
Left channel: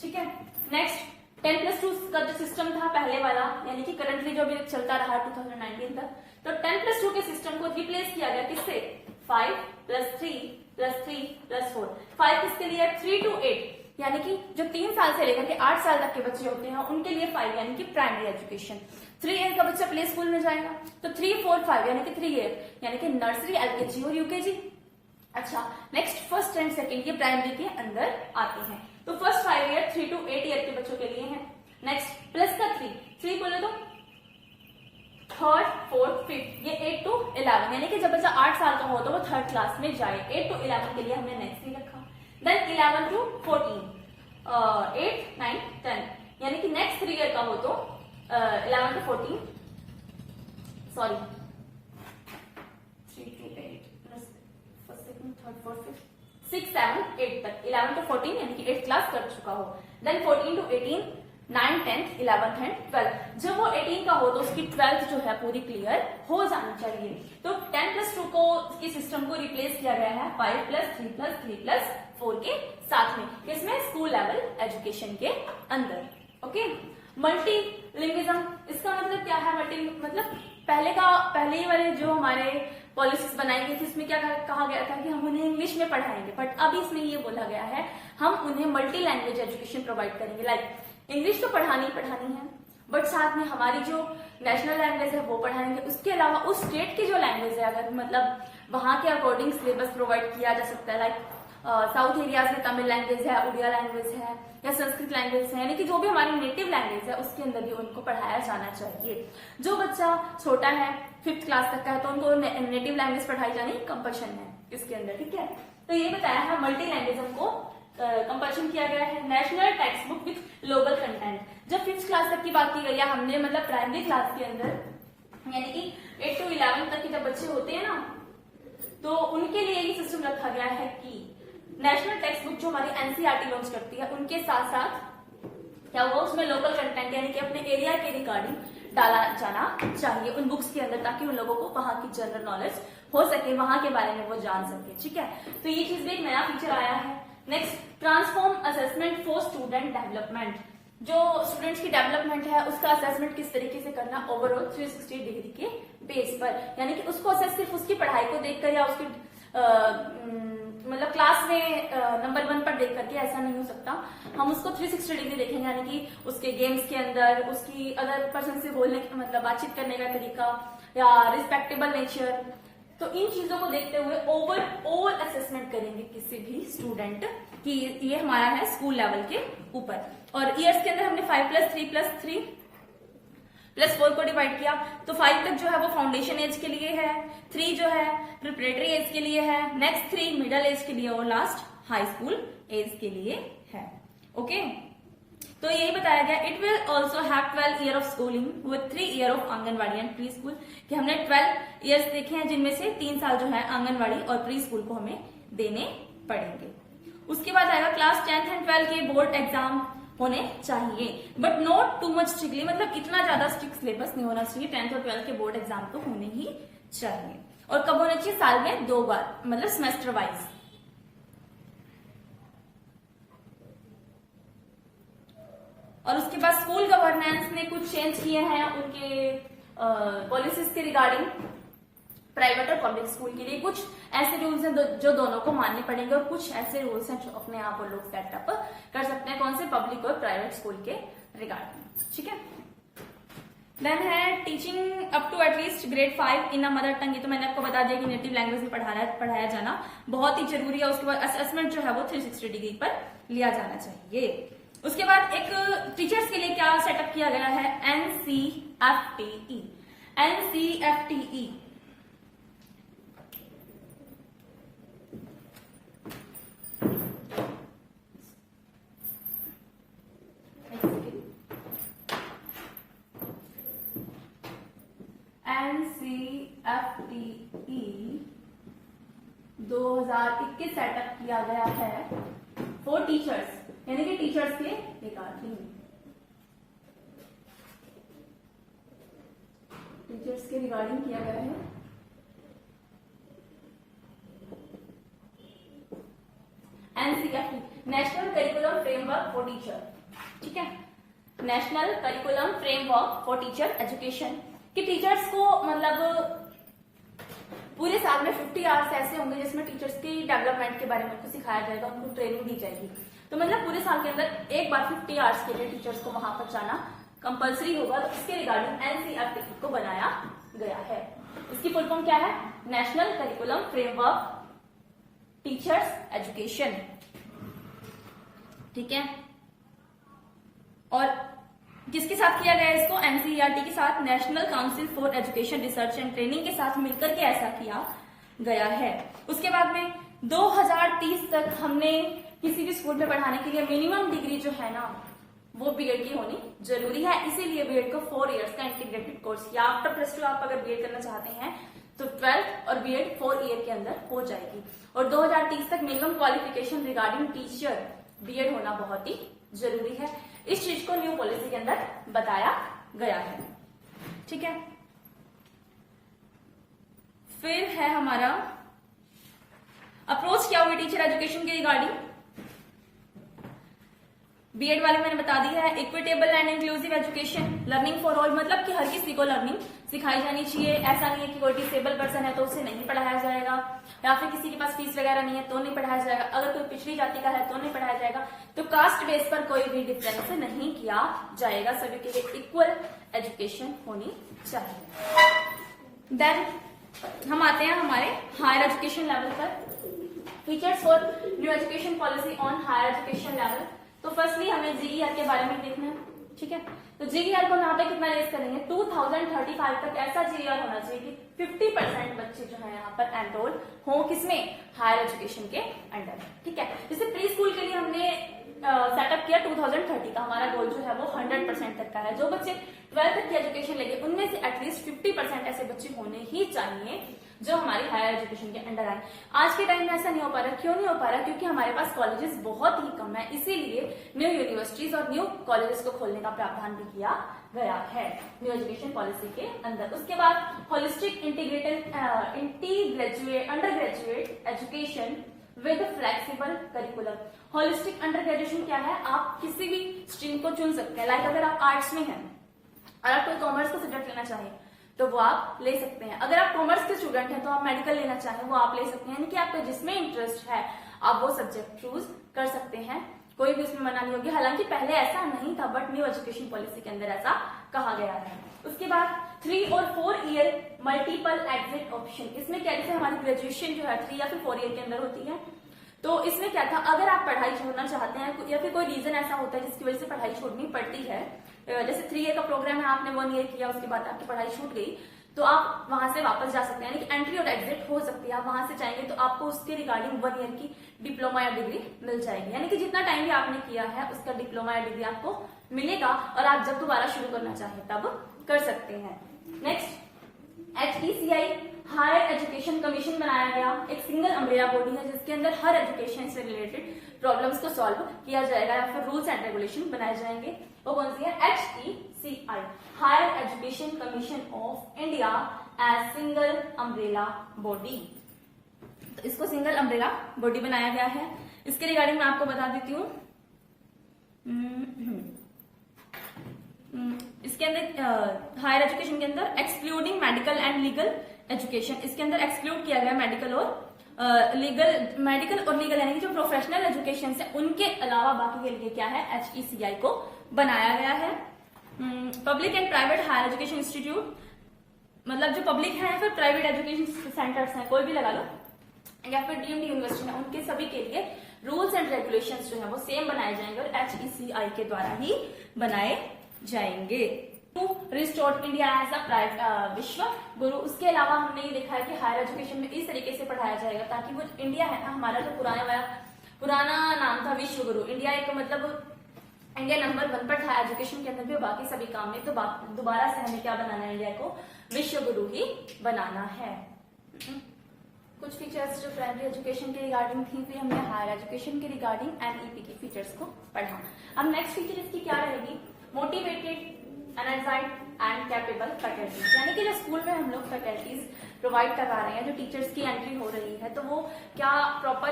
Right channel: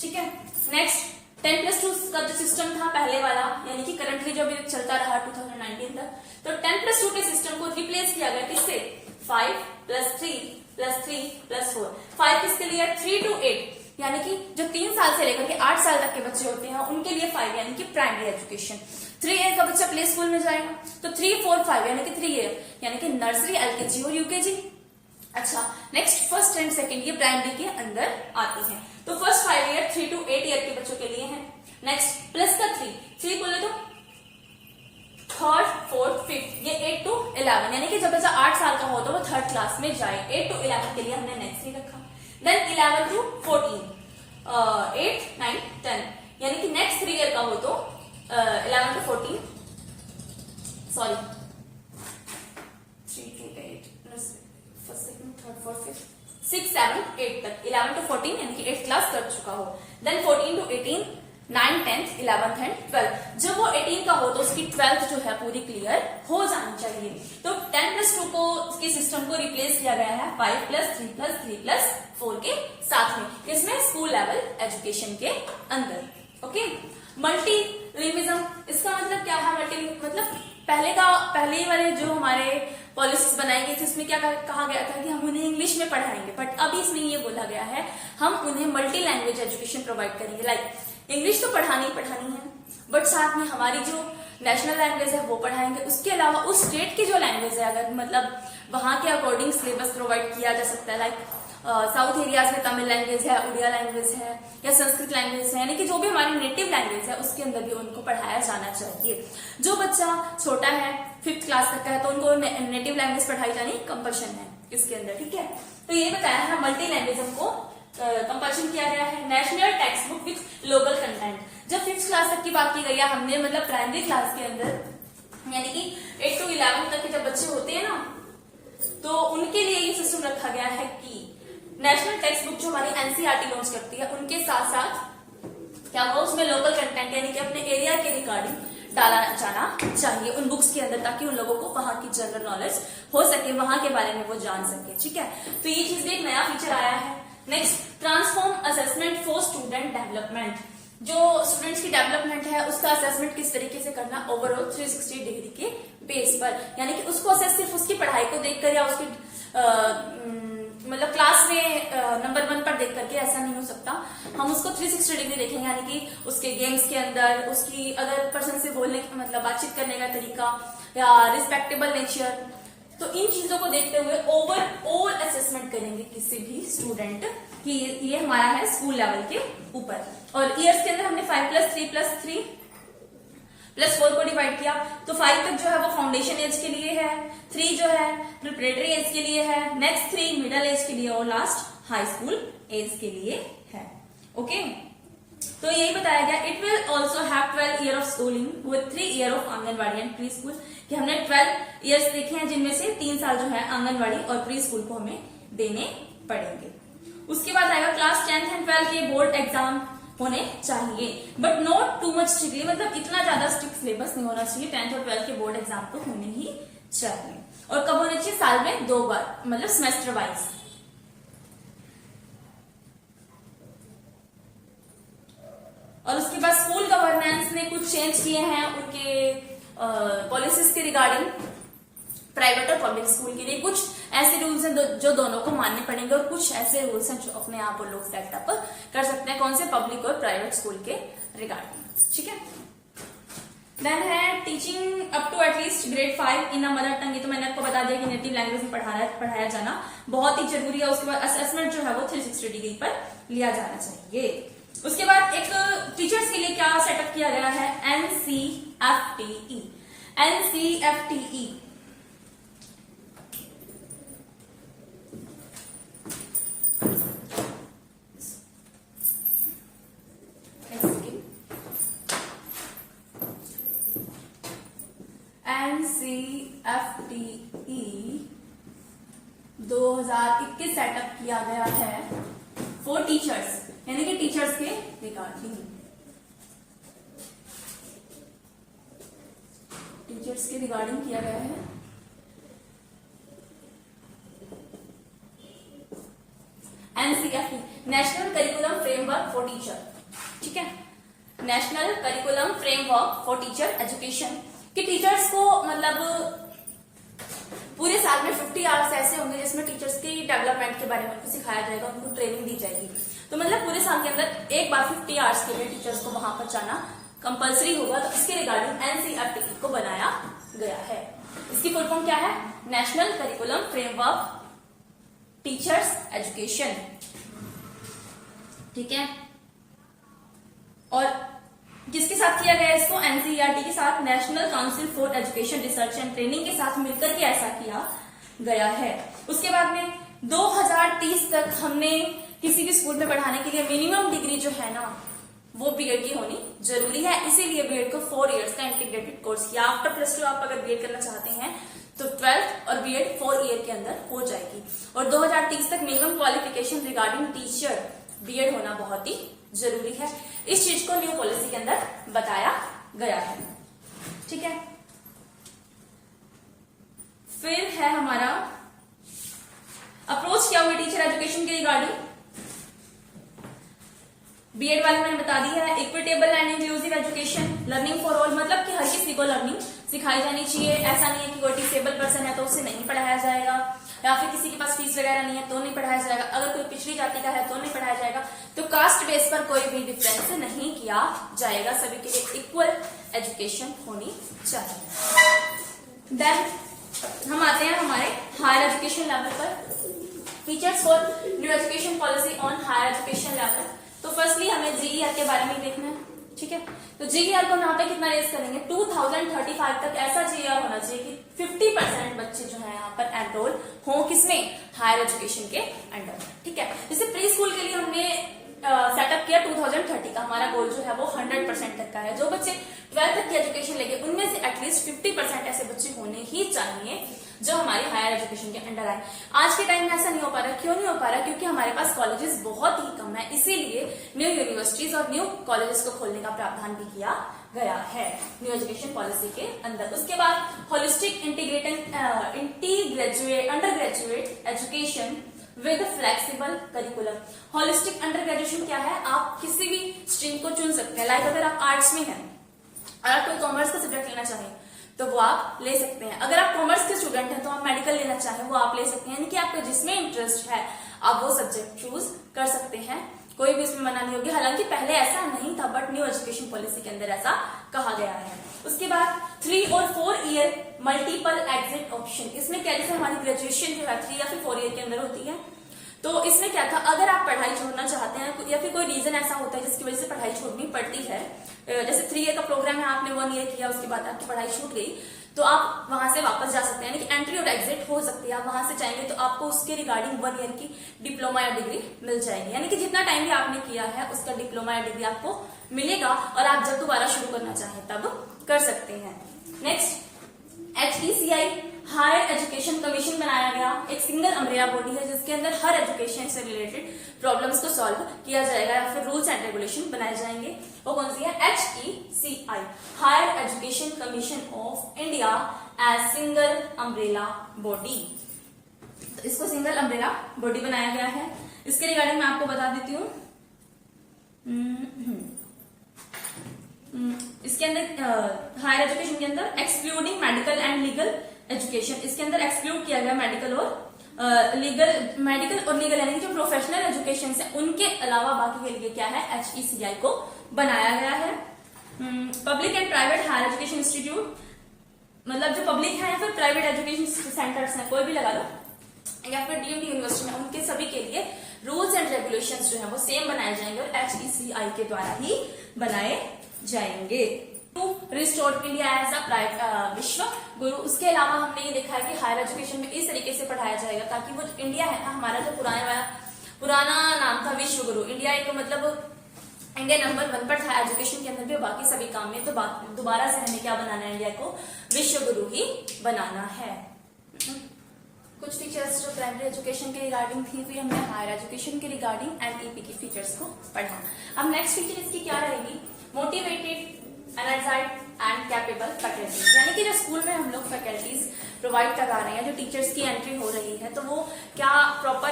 ठीक है। नेक्स्ट, 10+2 का जो सिस्टम था पहले वाला, यानी कि करंटली जो भी चलता रहा 2019 तक, तो 10+2 के सिस्टम को रिप्लेस किया गया किससे, 5+3+3+4। 5 किसके लिए, 3 to 8, यानी कि जो 3 साल से लेकर के 8 साल तक के बच्चे होते हैं उनके लिए 5, यानी कि प्राइमरी एजुकेशन। 3 ईयर का बच्चा प्ले स्कूल में जाएगा, तो 3, 4, 5 यानी कि 3 ईयर, यानी कि नर्सरी, LKG और UKG। अच्छा, नेक्स्ट फर्स्ट एंड सेकेंड ये प्राइमरी के अंदर आते हैं। तो फर्स्ट 5 ईयर 3 to 8 ईयर के बच्चों के लिए है। नेक्स्ट प्लस का 3 बोले तो थर्ड, फोर्थ, फिफ्थ, ये 8 to 11, यानी कि जब बच्चा 8 साल का हो तो वो 3rd क्लास में जाए। 8 to 11 के लिए हमने नेक्स्ट नहीं रखा। देन 11 to 14, 8, 9, 10, यानी कि नेक्स्ट 3 ईयर का हो तो 11 to 14, sorry 3 to 8, first, second, third, fourth, fifth, 6, 7, 8 तक, 11 to 14 यानी कि 8th क्लास कर चुका हो। Then 14 to 18, 9, 10th, 11th and 12th। जब वो 18 का हो तो उसकी 12th जो है पूरी क्लियर हो जानी चाहिए। तो 10+2 को के सिस्टम को रिप्लेस किया गया है 5+3+3+4 के साथ में, इसमें स्कूल लेवल एजुकेशन के अंदर। ओके, मल्टी लिंग्विज्म, इसका मतलब क्या है, मल्टी मतलब पहले वाले जो हमारे पॉलिसीज बनाई गई थी उसमें क्या कहा गया था कि हम उन्हें इंग्लिश में पढ़ाएंगे, बट अब इसमें ये बोला गया है हम उन्हें मल्टी लैंग्वेज एजुकेशन प्रोवाइड करेंगे। लाइक इंग्लिश तो पढ़ानी है, बट साथ में हमारी जो नेशनल लैंग्वेज है वो पढ़ाएंगे। उसके अलावा उस स्टेट की जो लैंग्वेज है, अगर मतलब वहां के अकॉर्डिंग सिलेबस प्रोवाइड किया जा सकता है। लाइक साउथ एरियाज में तमिल लैंग्वेज है, उड़िया लैंग्वेज है या संस्कृत लैंग्वेज है, यानी कि जो भी हमारी नेटिव लैंग्वेज है उसके अंदर भी उनको पढ़ाया जाना चाहिए। जो बच्चा छोटा है 5th क्लास तक का है तो उनको नेटिव लैंग्वेज पढ़ाई जानी कंपल्शन है इसके अंदर, ठीक है। तो ये बताया है मल्टी लैंग्वेज को कंपल्शन किया गया है। National text book with local content, जब 5th क्लास तक की बात की गई है हमने, मतलब प्राइमरी क्लास के अंदर, यानी कि 8 to 11 तक के जब बच्चे होते हैं ना, तो उनके लिए ये सिस्टम रखा गया है कि नेशनल टेक्स्ट बुक जो हमारी NCERT लॉन्च करती है उनके साथ साथ क्या हुआ, उसमें लोकल कंटेंट यानी कि अपने एरिया के रिगार्डिंग डाला जाना चाहिए उन बुक्स के अंदर, ताकि उन लोगों को वहां की जनरल नॉलेज हो सके, वहां के बारे में वो जान सके, ठीक है। तो ये चीज भी एक नया फीचर आया है। Next, transform assessment for student development, जो स्टूडेंट्स की डेवलपमेंट है उसका असेसमेंट किस तरीके से करना ओवरऑल 360 डिग्री के बेस पर, यानी कि उसको असेस सिर्फ उसकी पढ़ाई को देखकर या उसकी मतलब क्लास में नंबर 1 पर देख करके ऐसा नहीं हो सकता। हम उसको 360 डिग्री देखेंगे, यानी कि उसके गेम्स के अंदर, उसकी अदर पर्सन से बोलने मतलब बातचीत करने का तरीका या रिस्पेक्टेबल नेचर, तो इन चीजों को देखते हुए ओवरऑल असेसमेंट करेंगे किसी भी स्टूडेंट कि ये हमारा है स्कूल लेवल के ऊपर। और ईयर्स के अंदर हमने 5+3+3+4 को डिवाइड किया, तो 5 तक जो है वो फाउंडेशन एज के लिए है, 3 जो है प्रिपरेटरी एज के लिए है, नेक्स्ट 3 मिडिल एज के लिए और लास्ट हाई स्कूल एज के लिए है। ओके, तो यही बताया गया। It will also have 12 year of schooling with 3 year of anganwadi and pre school, कि हमने 12 ईयर्स देखे हैं जिनमें से 3 साल जो है आंगनबाड़ी और प्री स्कूल को हमें देने पड़ेंगे। उसके बाद आएगा क्लास 10th एंड 12th के बोर्ड एग्जाम होने चाहिए, but not too much strictly, मतलब इतना ज्यादा स्ट्रिक्ट सिलेबस नहीं होना चाहिए। 10th और 12th के बोर्ड एग्जाम तो होने ही चाहिए, और कब होने चाहिए? साल में 2 बार, मतलब सेमेस्टर वाइज। और उसके बाद स्कूल गवर्नेंस ने कुछ चेंज किए हैं उनके पॉलिसीज के रिगार्डिंग प्राइवेट और पब्लिक स्कूल के लिए। कुछ ऐसे रूल्स हैं जो दोनों को मानने पड़ेंगे, और कुछ ऐसे रूल्स हैं जो अपने आप वो लोग सेटअप कर सकते हैं, कौन से? पब्लिक और प्राइवेट स्कूल के रिगार्डिंग। ठीक है, देन है teaching up to at least grade 5 in a mother tongue. ये तो मैंने आपको बता दिया कि नेटिव लैंग्वेज में पढ़ाया जाना बहुत ही जरूरी है। उसके बाद असेसमेंट जो है वो 360 डिग्री पर लिया जाना चाहिए। उसके बाद एक टीचर्स के लिए क्या सेटअप किया गया है? NCFTE। NCFTE NCFTE 2021 सेटअप किया गया है फॉर टीचर्स, यानी कि टीचर्स के रिगार्डिंग, टीचर्स के रिगार्डिंग किया गया है। NCFT national curriculum framework for teacher. ठीक है, national curriculum framework for teacher education, कि टीचर्स को मतलब पूरे साल में 50 आवर्स ऐसे होंगे जिसमें टीचर्स की डेवलपमेंट के बारे में उनको सिखाया जाएगा, उनको ट्रेनिंग दी जाएगी। तो मतलब पूरे साल के अंदर एक बार 50 आवर्स के लिए टीचर्स को वहां पर जाना कंपलसरी होगा। तो इसके रिगार्डिंग NCFTE को बनाया गया है। इसकी फुल फॉर्म क्या है? National curriculum framework teachers education. ठीक है, और किसके साथ किया गया इसको? NCERT के साथ, national council for education research and training के साथ मिलकर के ऐसा किया गया है। उसके बाद में 2030 तक हमने किसी भी स्कूल में पढ़ाने के लिए मिनिमम डिग्री जो है ना वो बीएड की होनी जरूरी है। इसीलिए बीएड को 4 इयर्स का इंटीग्रेटेड कोर्स किया। आफ्टर +2 आप अगर बीएड करना चाहते हैं तो 12th और बीएड 4 ईयर के अंदर हो जाएगी। और 2030 तक minimum qualification regarding teacher B Ed होना बहुत ही जरूरी है। इस चीज को न्यू पॉलिसी के अंदर बताया गया है। ठीक है, फिर है हमारा अप्रोच क्या हुई टीचर एजुकेशन के रिगार्डिंग। बीएड वाले मैंने बता दिया है। Equitable and inclusive education, learning for all, मतलब कि हर किसी को लर्निंग सिखाई जानी चाहिए। ऐसा नहीं है कि कोई डिसेबल पर्सन है तो उसे नहीं पढ़ाया जाएगा, या फिर किसी के पास फीस वगैरह नहीं है तो नहीं पढ़ाया जाएगा, अगर कोई पिछड़ी जाति का है तो नहीं पढ़ाया जाएगा। तो कास्ट बेस पर कोई भी डिफरेंस नहीं किया जाएगा, सभी के लिए इक्वल एजुकेशन होनी चाहिए। देन हम आते हैं हमारे हायर एजुकेशन लेवल पर। Features for new education policy on higher education level. तो फर्स्टली हमें जीईआर के बारे में देखना है। ठीक है, तो जीईआर को यहाँ पे कितना रेस करेंगे? 2035 तक ऐसा जीईआर होना चाहिए कि 50% बच्चे जो है यहाँ पर एनरोल हो, किसमें? हायर एजुकेशन के अंडर। ठीक है, जैसे प्री स्कूल के लिए हमने सेटअप किया 2030 का, हमारा गोल जो है वो 100% तक का है। जो बच्चे 12th तक की एजुकेशन लेंगे उनमें से एटलीस्ट 50% ऐसे बच्चे होने ही चाहिए जो हमारी हायर एजुकेशन के अंडर आए। आज के टाइम में ऐसा नहीं हो पा रहा। क्यों नहीं हो पा रहा? क्योंकि हमारे पास कॉलेजेस बहुत ही कम है, इसीलिए न्यू यूनिवर्सिटीज और न्यू कॉलेजेस को खोलने का प्रावधान भी किया गया है न्यू एजुकेशन पॉलिसी के अंदर। उसके बाद holistic under graduate education with flexible curriculum. Holistic under graduation क्या है? आप किसी भी स्ट्रीम को चुन सकते हैं। लाइक अगर आप आर्ट्स में हैं और आप कोई कॉमर्स का सब्जेक्ट लेना चाहें तो वो आप ले सकते हैं। अगर आप कॉमर्स के स्टूडेंट हैं तो आप मेडिकल लेना चाहें वो आप ले सकते हैं, यानी कि आपको जिसमें इंटरेस्ट है आप वो सब्जेक्ट चूज कर सकते हैं, कोई भी इसमें मना नहीं होगी। हालांकि पहले ऐसा नहीं था, बट न्यू एजुकेशन पॉलिसी के अंदर ऐसा कहा गया है। उसके बाद 3 और 4 ईयर मल्टीपल एग्जिट ऑप्शन। इसमें क्या, जैसे हमारी ग्रेजुएशन जो है 3 या फिर 4 ईयर के अंदर होती है, तो इसमें क्या था, अगर आप पढ़ाई छोड़ना चाहते हैं या फिर कोई रीजन ऐसा होता है जिसकी वजह से पढ़ाई छोड़नी पड़ती है, जैसे 3 ईयर का प्रोग्राम है, आपने 1 ईयर किया, उसके बाद आपकी पढ़ाई छूट गई, तो आप वहां से वापस जा सकते हैं, यानी कि एंट्री और एग्जिट हो सकती है। आप वहां से जाएंगे तो आपको उसके रिगार्डिंग 1 ईयर की डिप्लोमा या डिग्री मिल जाएगी, यानी कि जितना टाइम भी आपने किया है उसका डिप्लोमा या डिग्री आपको मिलेगा और आप जब दोबारा शुरू करना चाहें तब कर सकते हैं। Next, HECI higher education commission बनाया गया, एक सिंगल अम्ब्रेला बॉडी है जिसके अंदर हर एजुकेशन से रिलेटेड प्रॉब्लम्स को सॉल्व किया जाएगा या फिर रूल्स एंड रेगुलेशन बनाए जाएंगे। वो कौन सी है? HECI higher education commission of India as single umbrella body. तो इसको सिंगल अम्ब्रेला बॉडी बनाया गया है। इसके रिगार्डिंग मैं आपको बता देती हूँ, इसके अंदर हायर एजुकेशन के अंदर excluding medical and legal education, इसके अंदर एक्सक्लूड किया गया मेडिकल और लीगल यानी कि जो प्रोफेशनल एजुकेशन है उनके अलावा बाकी के लिए क्या है, HECI को बनाया गया है। Public and private higher education institute, मतलब जो पब्लिक है या फिर प्राइवेट एजुकेशन सेंटर्स हैं, कोई भी लगा लो, या फिर डीम्ड यूनिवर्सिटी में, उनके सभी के लिए रूल्स एंड रेगुलेशंस जो है वो सेम बनाए जाएंगे और HECI के द्वारा ही बनाए जाएंगे। To restore India as a Vishwa Guru, उसके अलावा हमने ये देखा है कि हायर एजुकेशन में इस तरीके से पढ़ाया जाएगा ताकि वो इंडिया है ना, हमारा जो पुराना नाम था विश्व गुरु, इंडिया एक मतलब इंडिया नंबर 1 पर था एजुकेशन के अंदर भी, बाकी सभी काम में, तो दोबारा से हमें क्या बनाना है, इंडिया को विश्व गुरु ही बनाना है। कुछ फीचर्स जो प्राइमरी एजुकेशन के रिगार्डिंग थी, फिर हमने हायर एजुकेशन के रिगार्डिंग NEP की फीचर्स को पढ़ा। अब नेक्स्ट फीचर इसकी क्या रहेगी, मोटिवेटेड एनर्जाइड एंड कैपेबल फैकल्टीज, यानी कि जो स्कूल में हम लोग फैकल्टीज प्रोवाइड करा रहे हैं, जो टीचर्स की एंट्री हो रही है, तो वो क्या प्रॉपर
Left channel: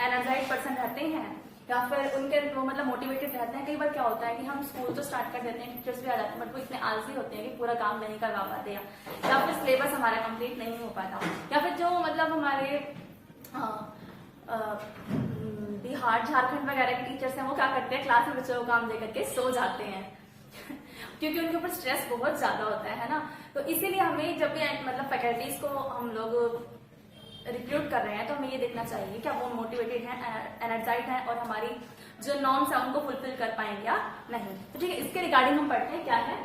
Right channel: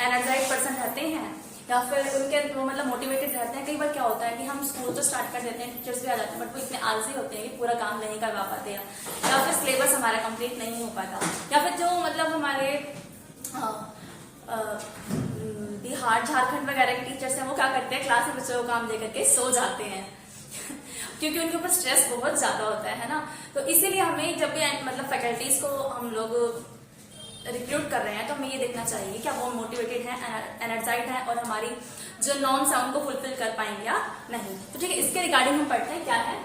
एनर्जाइड पर्सन रहते हैं या फिर उनके वो मतलब मोटिवेटेड रहते हैं। कई बार क्या होता है कि हम स्कूल तो स्टार्ट कर देते हैं, टीचर्स भी आ जाते हैं, बट वो इतने आलसी होते हैं कि पूरा काम नहीं करवा पाते हैं, या फिर सिलेबस हमारा कंप्लीट नहीं हो पाता, या फिर जो मतलब हमारे बिहार झारखंड वगैरह के टीचर्स हैं वो क्या करते हैं, क्लास में बच्चों को काम दे करके सो जाते हैं क्योंकि उनके ऊपर स्ट्रेस बहुत ज्यादा होता है ना। तो इसीलिए हमें जब भी मतलब फैकल्टीज को हम लोग रिक्रूट कर रहे हैं तो हमें ये देखना चाहिए क्या वो मोटिवेटेड है, एनर्जाइड है और हमारी जो नॉर्म्स है उनको फुलफिल कर पाएंगे या नहीं। तो ठीक है, इसके रिगार्डिंग हम पढ़ते हैं क्या है,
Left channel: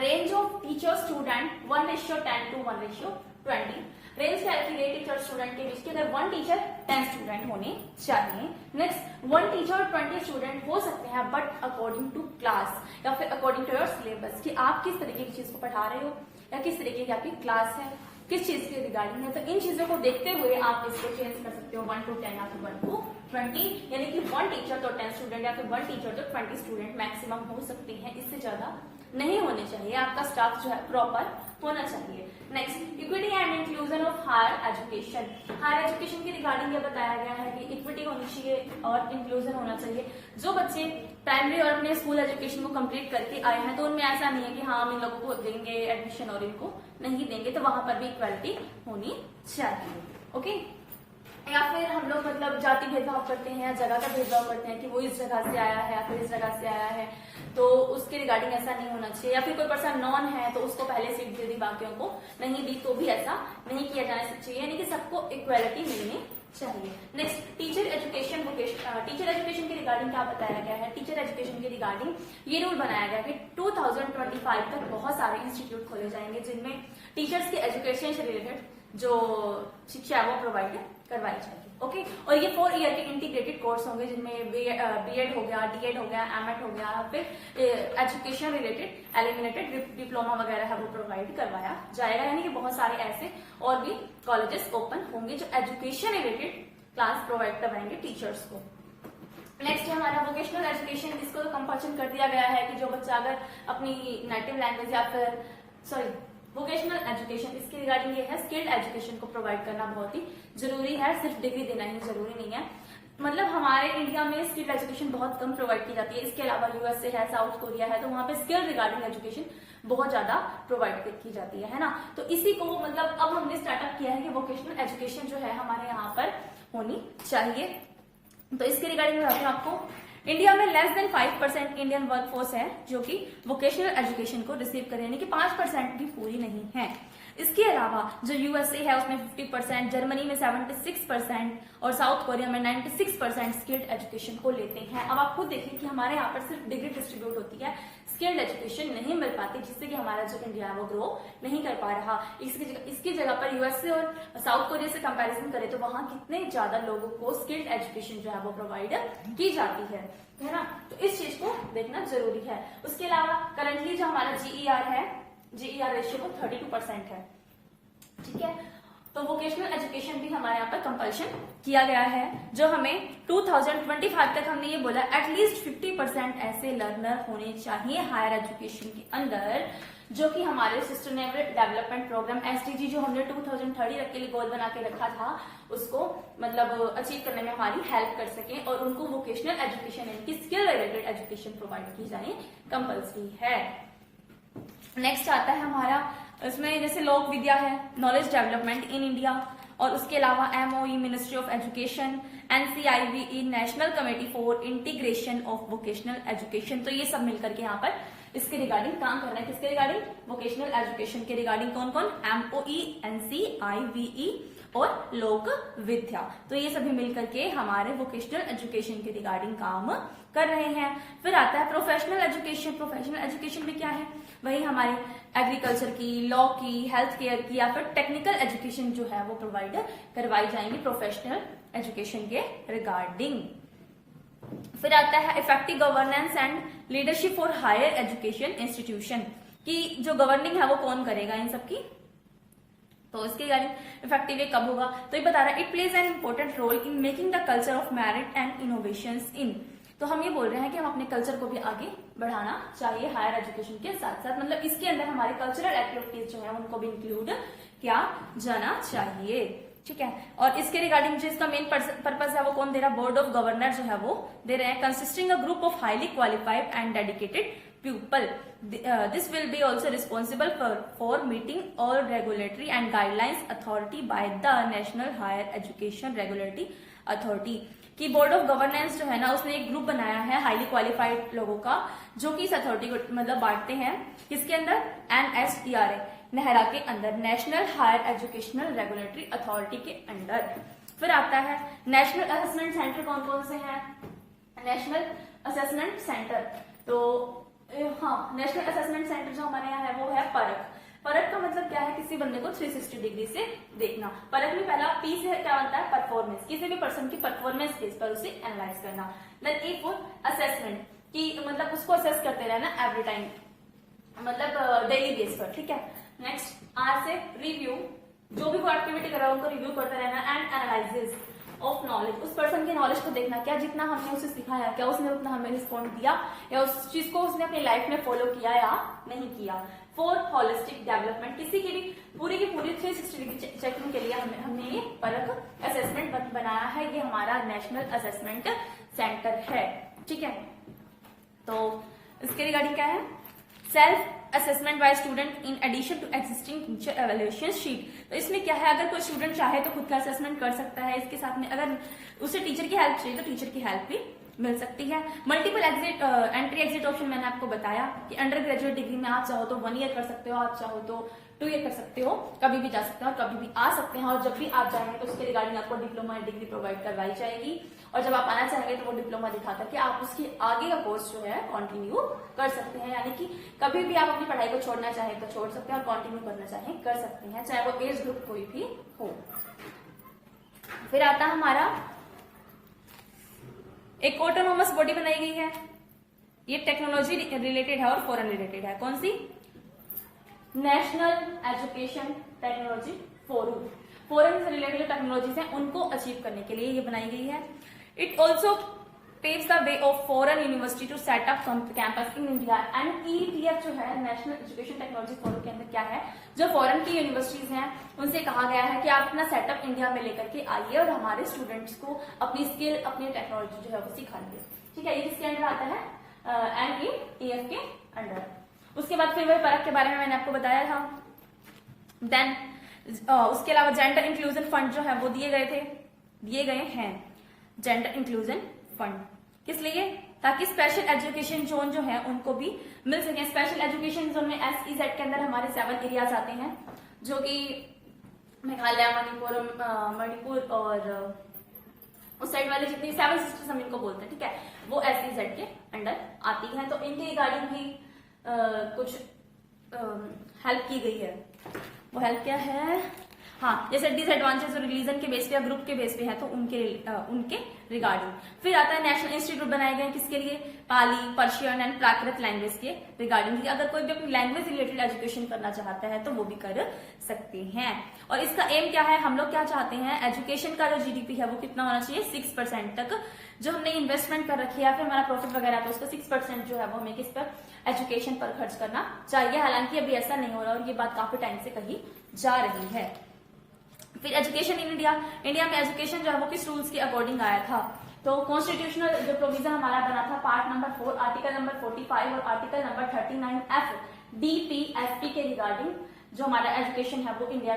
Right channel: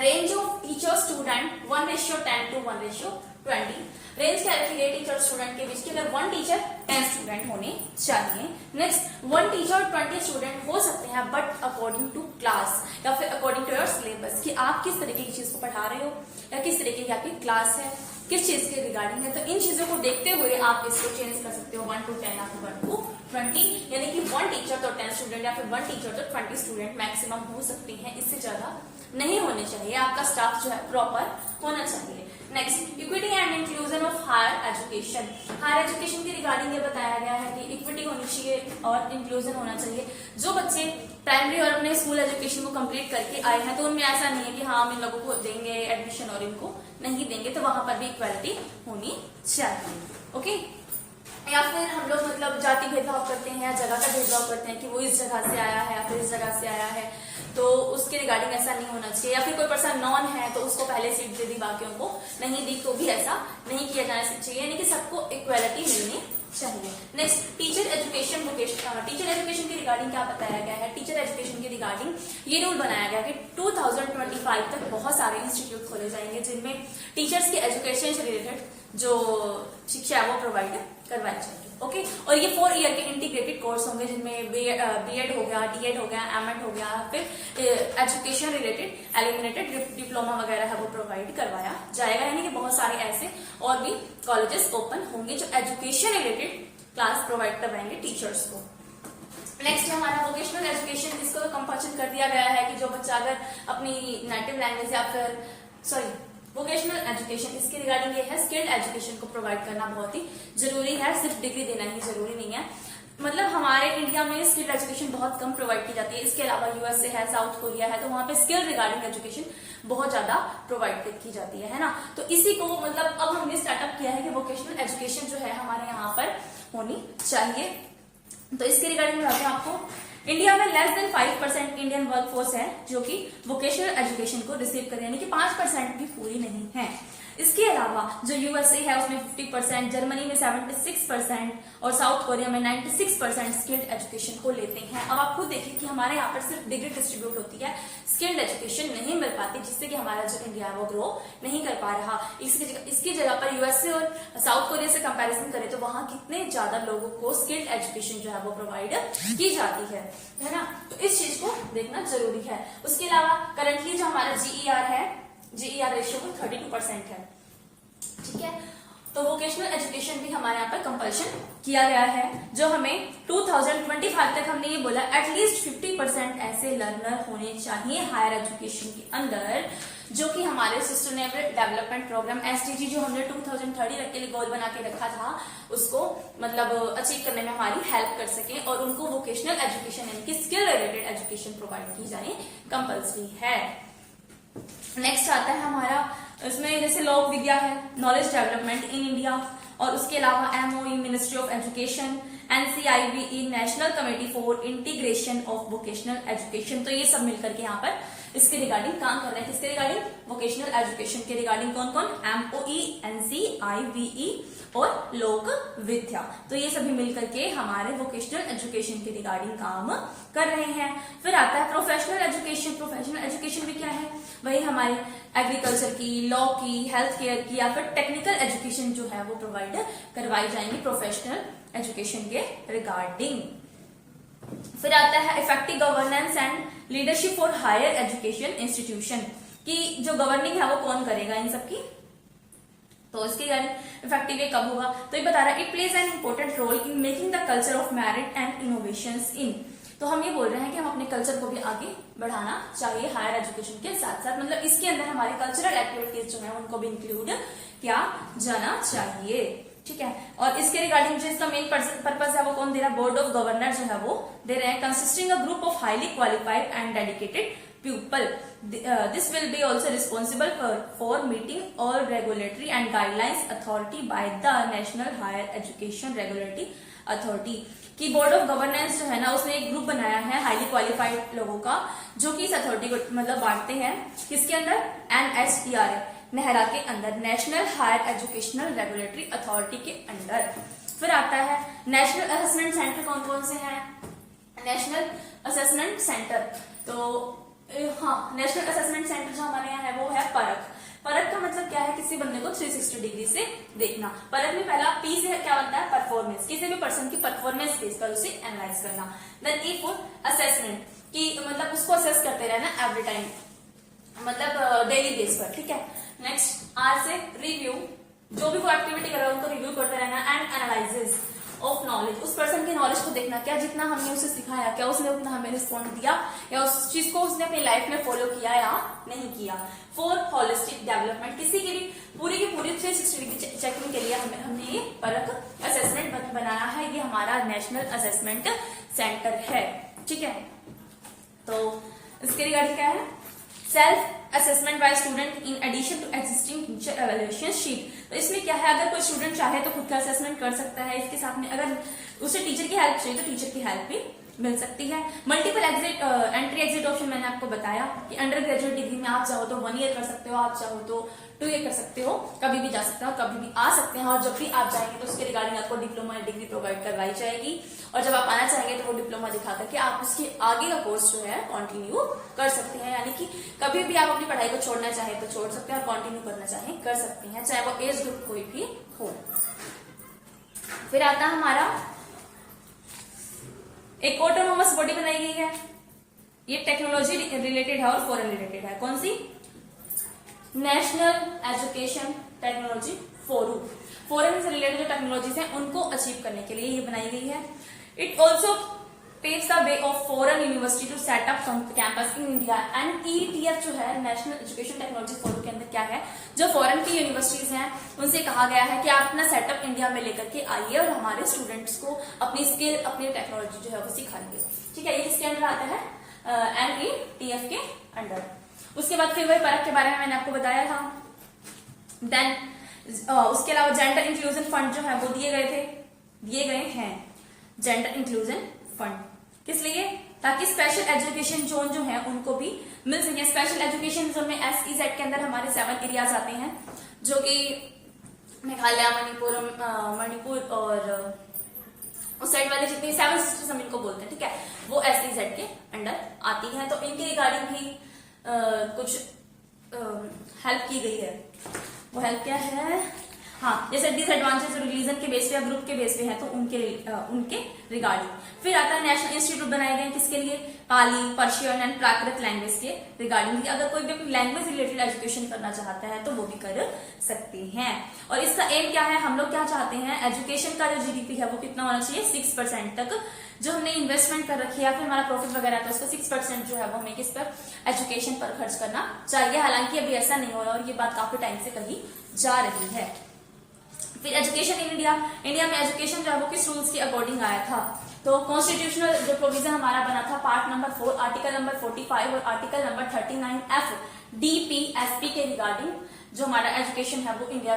range of teacher student 1:10 to 1:20। Range क्या रखी गई टीचर स्टूडेंट के बीच की, अगर 1 टीचर 10 स्टूडेंट होने चाहिए। नेक्स्ट, 1 टीचर 20 स्टूडेंट हो सकते हैं बट अकॉर्डिंग टू क्लास या फिर अकॉर्डिंग टू योर सिलेबस, कि आप किस तरीके की चीज को पढ़ा रहे हो या किस तरीके की आपकी क्लास है, किस चीज के रिगार्डिंग है। तो इन चीजों को देखते हुए आप इसको चेंज कर सकते हो 1 to 10 या फिर 1 to 20, यानी कि 1 टीचर तो 10 स्टूडेंट या फिर 1 टीचर तो 20 स्टूडेंट मैक्सिमम हो सकते हैं, इससे ज्यादा नहीं होने चाहिए। आपका स्टाफ जो है प्रॉपर होना चाहिए। Next, equity and inclusion of higher education. Higher education के रिगार्डिंग ये बताया गया है कि इक्विटी होनी चाहिए और इंक्लूजन होना चाहिए। जो बच्चे प्राइमरी और अपने स्कूल एजुकेशन को कंप्लीट करके आए हैं तो उनमें ऐसा नहीं है कि हाँ हम इन लोगों को देंगे एडमिशन और इनको नहीं देंगे, तो वहां पर भी इक्वालिटी होनी चाहिए। ओके, या फिर हम लोग मतलब जाति भेदभाव करते हैं या जगह का भेदभाव करते हैं कि वो इस जगह से आया है या फिर इस जगह से आया है, तो उसके रिगार्डिंग ऐसा नहीं होना चाहिए। या फिर कोई पर्सन नॉन है तो उसको पहले सीट दे दी, बाकियों को नहीं दी, तो भी ऐसा नहीं किया जाना चाहिए, यानी कि सबको इक्वालिटी मिलनी चाहिए। Next, teacher education vocation. Teacher education के रिगार्डिंग क्या बताया गया है, टीचर एजुकेशन के रिगार्डिंग ये रूल बनाया गया है कि 2025 तक बहुत सारे इंस्टीट्यूट खोले जाएंगे जिनमें टीचर्स के एजुकेशन से रिलेटेड जो शिक्षा है वो प्रोवाइड करवाई जाएगी। ओके, और ये 4 ईयर के इंटीग्रेटेड कोर्स होंगे जिनमें बीएड हो गया, डीएड हो गया, एमएड हो गया, फिर एजुकेशन रिलेटेड एलिमिनेटेड डिप्लोमा वगैरह है वो प्रोवाइड करवाया जाएगा, यानी कि बहुत सारे ऐसे और भी कॉलेजेस ओपन होंगे जो एजुकेशन रिलेटेड क्लास प्रोवाइड करवाएंगे टीचर्स को। नेक्स्ट है हमारा वोकेशनल एजुकेशन। इसको तो कंपल्सन कर दिया गया है कि जो बच्चा अगर अपनी नेटिव लैंग्वेज या फिर वोकेशनल एजुकेशन, इसके रिगार्डिंग ये है स्किल्ड एजुकेशन को प्रोवाइड करना बहुत ही जरूरी है, सिर्फ डिग्री देना ही जरूरी नहीं है। मतलब हमारे इंडिया में स्किल्ड एजुकेशन बहुत कम प्रोवाइड की जाती है, इसके अलावा यूएसए है, साउथ कोरिया है, तो वहां पे स्किल रिगार्डिंग एजुकेशन बहुत ज्यादा प्रोवाइड की जाती है ना। तो इसी को मतलब अब हमने स्टार्टअप किया है कि वोकेशनल एजुकेशन जो है हमारे यहाँ पर होनी चाहिए। तो इसके रिगार्डिंग मैं बताऊँ आपको, इंडिया में लेस देन 5% इंडियन वर्कफोर्स है जो कि वोकेशनल एजुकेशन को रिसीव करे, यानी कि 5% भी पूरी नहीं है। इसके अलावा जो यूएसए है उसमें 50%, जर्मनी में 76% और साउथ कोरिया में 96% स्किल्ड एजुकेशन को लेते हैं। अब आप खुद देखिए कि हमारे यहाँ पर सिर्फ डिग्री डिस्ट्रीब्यूट होती है, स्किल्ड एजुकेशन नहीं मिल पाती, जिससे कि हमारा जो इंडिया है वो ग्रो नहीं कर पा रहा। इसकी जगह पर यूएसए और साउथ कोरिया से कंपैरिजन करें तो वहां कितने ज्यादा लोगों को स्किल्ड एजुकेशन जो है वो प्रोवाइड की जाती है ना। तो इस चीज को देखना जरूरी है। उसके अलावा करंटली जो हमारा जीईआर है, जीईआर रेशियो 32% है, ठीक है। तो वोकेशनल एजुकेशन भी हमारे यहाँ पर कंपल्शन किया गया है, जो हमें 2025 तक हमने ये बोला एटलीस्ट 50% ऐसे लर्नर होने चाहिए हायर एजुकेशन के अंदर, जो कि हमारे सस्टेनेबल डेवलपमेंट प्रोग्राम एसडीजी जो हमने 2030 के लिए गोल बना के रखा था उसको मतलब अचीव करने में हमारी हेल्प कर सके, और उनको वोकेशनल एजुकेशन यानी कि स्किल रिलेटेड एजुकेशन प्रोवाइड की जानी कंपल्सरी है। नेक्स्ट आता है हमारा, इसमें जैसे लोक विद्या है, नॉलेज डेवलपमेंट इन इंडिया, और उसके अलावा MOE Ministry of Education, NCIVE National Committee for Integration of Vocational Education. तो ये सब मिलकर के यहाँ पर इसके रिगार्डिंग काम कर रहे हैं। किसके रिगार्डिंग? वोकेशनल एजुकेशन के रिगार्डिंग। कौन कौन? एमओई, एनसीआईवीई और लोक विद्या। तो ये सभी मिलकर के हमारे वोकेशनल एजुकेशन के रिगार्डिंग काम कर रहे हैं। फिर आता है प्रोफेशनल एजुकेशन। प्रोफेशनल एजुकेशन भी क्या है? वही हमारे एग्रीकल्चर की, लॉ की, हेल्थ केयर की या फिर टेक्निकल एजुकेशन जो है वो प्रोवाइड करवाई जाएंगी प्रोफेशनल एजुकेशन के रिगार्डिंग। फिर आता है effective governance and leadership for higher education institution, कि जो गवर्निंग है वो कौन करेगा इन सबकी, तो इसके रिगार्डिंग इफेक्टिव कब होगा? तो ये बता रहा है it plays an important role in making the culture of merit and innovations in. तो हम ये बोल रहे हैं कि हम अपने कल्चर को भी आगे बढ़ाना चाहिए हायर एजुकेशन के साथ साथ, मतलब इसके अंदर हमारे कल्चरल एक्टिविटीज जो है उनको भी इंक्लूड किया जाना चाहिए, ठीक है। और इसके रिगार्डिंग जो इसका मेन पर्पज है वो कौन दे रहा है? बोर्ड ऑफ गवर्नर जो है वो दे रहे हैं, consisting a group of highly qualified and dedicated people. This will be also responsible for meeting all regulatory and guidelines authority by the National Higher Education Regulatory Authority। कि board of governance जो है ना उसने एक group बनाया है highly qualified लोगों का, जो कि इस अथॉरिटी को मतलब बांटते हैं किसके अंदर? NHERA, नेहरा के अंदर, national higher educational regulatory authority के अंदर। फिर आता है नेशनल असेसमेंट सेंटर। कौन कौन से हैं नेशनल असेसमेंट सेंटर? तो हाँ, नेशनल असेसमेंट सेंटर जो हमारे यहाँ है वो है परख। परख का मतलब क्या है? किसी बंदे को 360 डिग्री से देखना। परख में पहला पी से क्या बनता है? परफॉर्मेंस, किसी भी पर्सन की परफॉर्मेंस बेस पर उसे एनालाइज करना। देन ई फॉर असेसमेंट, कि मतलब उसको असेस करते रहना एवरी टाइम, मतलब डेली बेस पर, ठीक है। नेक्स्ट आर से रिव्यू, जो भी वो एक्टिविटी कर रहा है उनको रिव्यू करते रहना। एंड एनालिसिस ऑफ नॉलेज, उस पर्सन की नॉलेज को देखना, क्या जितना हमने उसे सिखाया क्या उसने उतना हमें रिस्पॉन्ड दिया, या उस चीज को उसने अपनी लाइफ में फॉलो किया या नहीं किया। फॉर होलिस्टिक डेवलपमेंट, किसी की भी पूरी की पूरी 360 डिग्री चेकिंग के लिए हमने ये परख असेसमेंट बनाया है। ये हमारा नेशनल असेसमेंट सेंटर है, ठीक है। तो इसके रिगार्डिंग क्या है? Self assessment by student in addition to existing teacher evaluation sheet. तो इसमें क्या है? अगर कोई स्टूडेंट चाहे तो खुद का असेसमेंट कर सकता है, इसके साथ में अगर उसे टीचर की हेल्प चाहिए तो टीचर की हेल्प भी मिल सकती है। मल्टीपल एंट्री एग्जिट ऑप्शन मैंने आपको बताया कि अंडर ग्रेजुएट डिग्री में आप चाहो तो 1 ईयर कर सकते हो, आप चाहो तो 2 ईयर कर सकते हो, कभी भी जा सकते हो, कभी भी आ सकते हैं। और जब भी आप जाएंगे तो उसके रिगार्डिंग आपको डिप्लोमा या डिग्री प्रोवाइड करवाई जाएगी, और जब आप आना चाहेंगे तो वो डिप्लोमा दिखा करके आप उसके आगे का कोर्स जो है कंटिन्यू कर सकते हैं। यानी कि कभी भी आप अपनी पढ़ाई को छोड़ना चाहे तो छोड़ सकते हैं और कंटिन्यू करना चाहे कर सकते हैं, चाहे वो एज ग्रुप कोई भी हो। फिर आता है हमारा एक ऑटोनोमस बॉडी बनाई गई है, ये टेक्नोलॉजी रिलेटेड है और फॉरेन रिलेटेड है। कौन सी? National Education Technology Forum. Foreign से रिलेटेड जो टेक्नोलॉजीज हैं उनको अचीव करने के लिए ये बनाई गई है। It also paves the way of foreign university to set up campus in India. And ETF जो है नेशनल एजुकेशन टेक्नोलॉजी फोरम के अंदर क्या है, जो फॉरेन की यूनिवर्सिटीज हैं उनसे कहा गया है कि आप अपना सेटअप इंडिया में लेकर के आइए और हमारे स्टूडेंट्स को अपनी स्किल, अपनी टेक्नोलॉजी जो है वो सिखाइए, ठीक है। ये किसके अंडर आता है? NETF के अंडर। उसके बाद फिर वही परख के बारे में मैंने आपको बताया था। देन उसके अलावा जेंडर इंक्लूजन फंड जो है वो दिए गए हैं जेंडर इंक्लूजन फंड। किस लिए? ताकि स्पेशल एजुकेशन जोन जो है उनको भी मिल सके। स्पेशल एजुकेशन जोन में SEZ के अंदर हमारे 7 एरियाज आते हैं, जो कि मेघालय, मणिपुर और उस साइड वाले जितने 7 सिस्टर्स हम इनको बोलते हैं, ठीक है, वो SEZ के अंडर आती हैं। तो इनके रिगार्डिंग भी कुछ हेल्प की गई है। वो हेल्प क्या है, हाँ, जैसे डिसएडवांटेज रिलीजन के बेस पे या ग्रुप के बेस पे है तो उनके रिगार्डिंग। फिर आता है नेशनल इंस्टीट्यूट बनाए गए किसके लिए, पाली, पर्शियन एंड प्राकृत लैंग्वेज के रिगार्डिंग। अगर कोई भी अपनी लैंग्वेज रिलेटेड एजुकेशन करना चाहता है तो वो भी कर सकते हैं। और इसका एम क्या है, हम लोग क्या चाहते हैं, एजुकेशन का जो GDP है वो कितना होना चाहिए, 6% तक जो हमने इन्वेस्टमेंट कर रखी है, फिर हमारा प्रॉफिट वगैरह तो उसका 6% जो है वो हमें किस पर, एजुकेशन पर खर्च करना चाहिए। हालांकि अभी ऐसा नहीं हो रहा और ये बात काफी टाइम से कही जा रही है। फिर एजुकेशन इन इंडिया में एजुकेशन जो है वो किस रूल्स के अकॉर्डिंग आया था, तो कॉन्स्टिट्यूशनल जो प्रोविजन हमारा बना था पार्ट नंबर 4 आर्टिकल नंबर 45 और आर्टिकल नंबर 39F DPSP के रिगार्डिंग जो हमारा एजुकेशन है वो इंडिया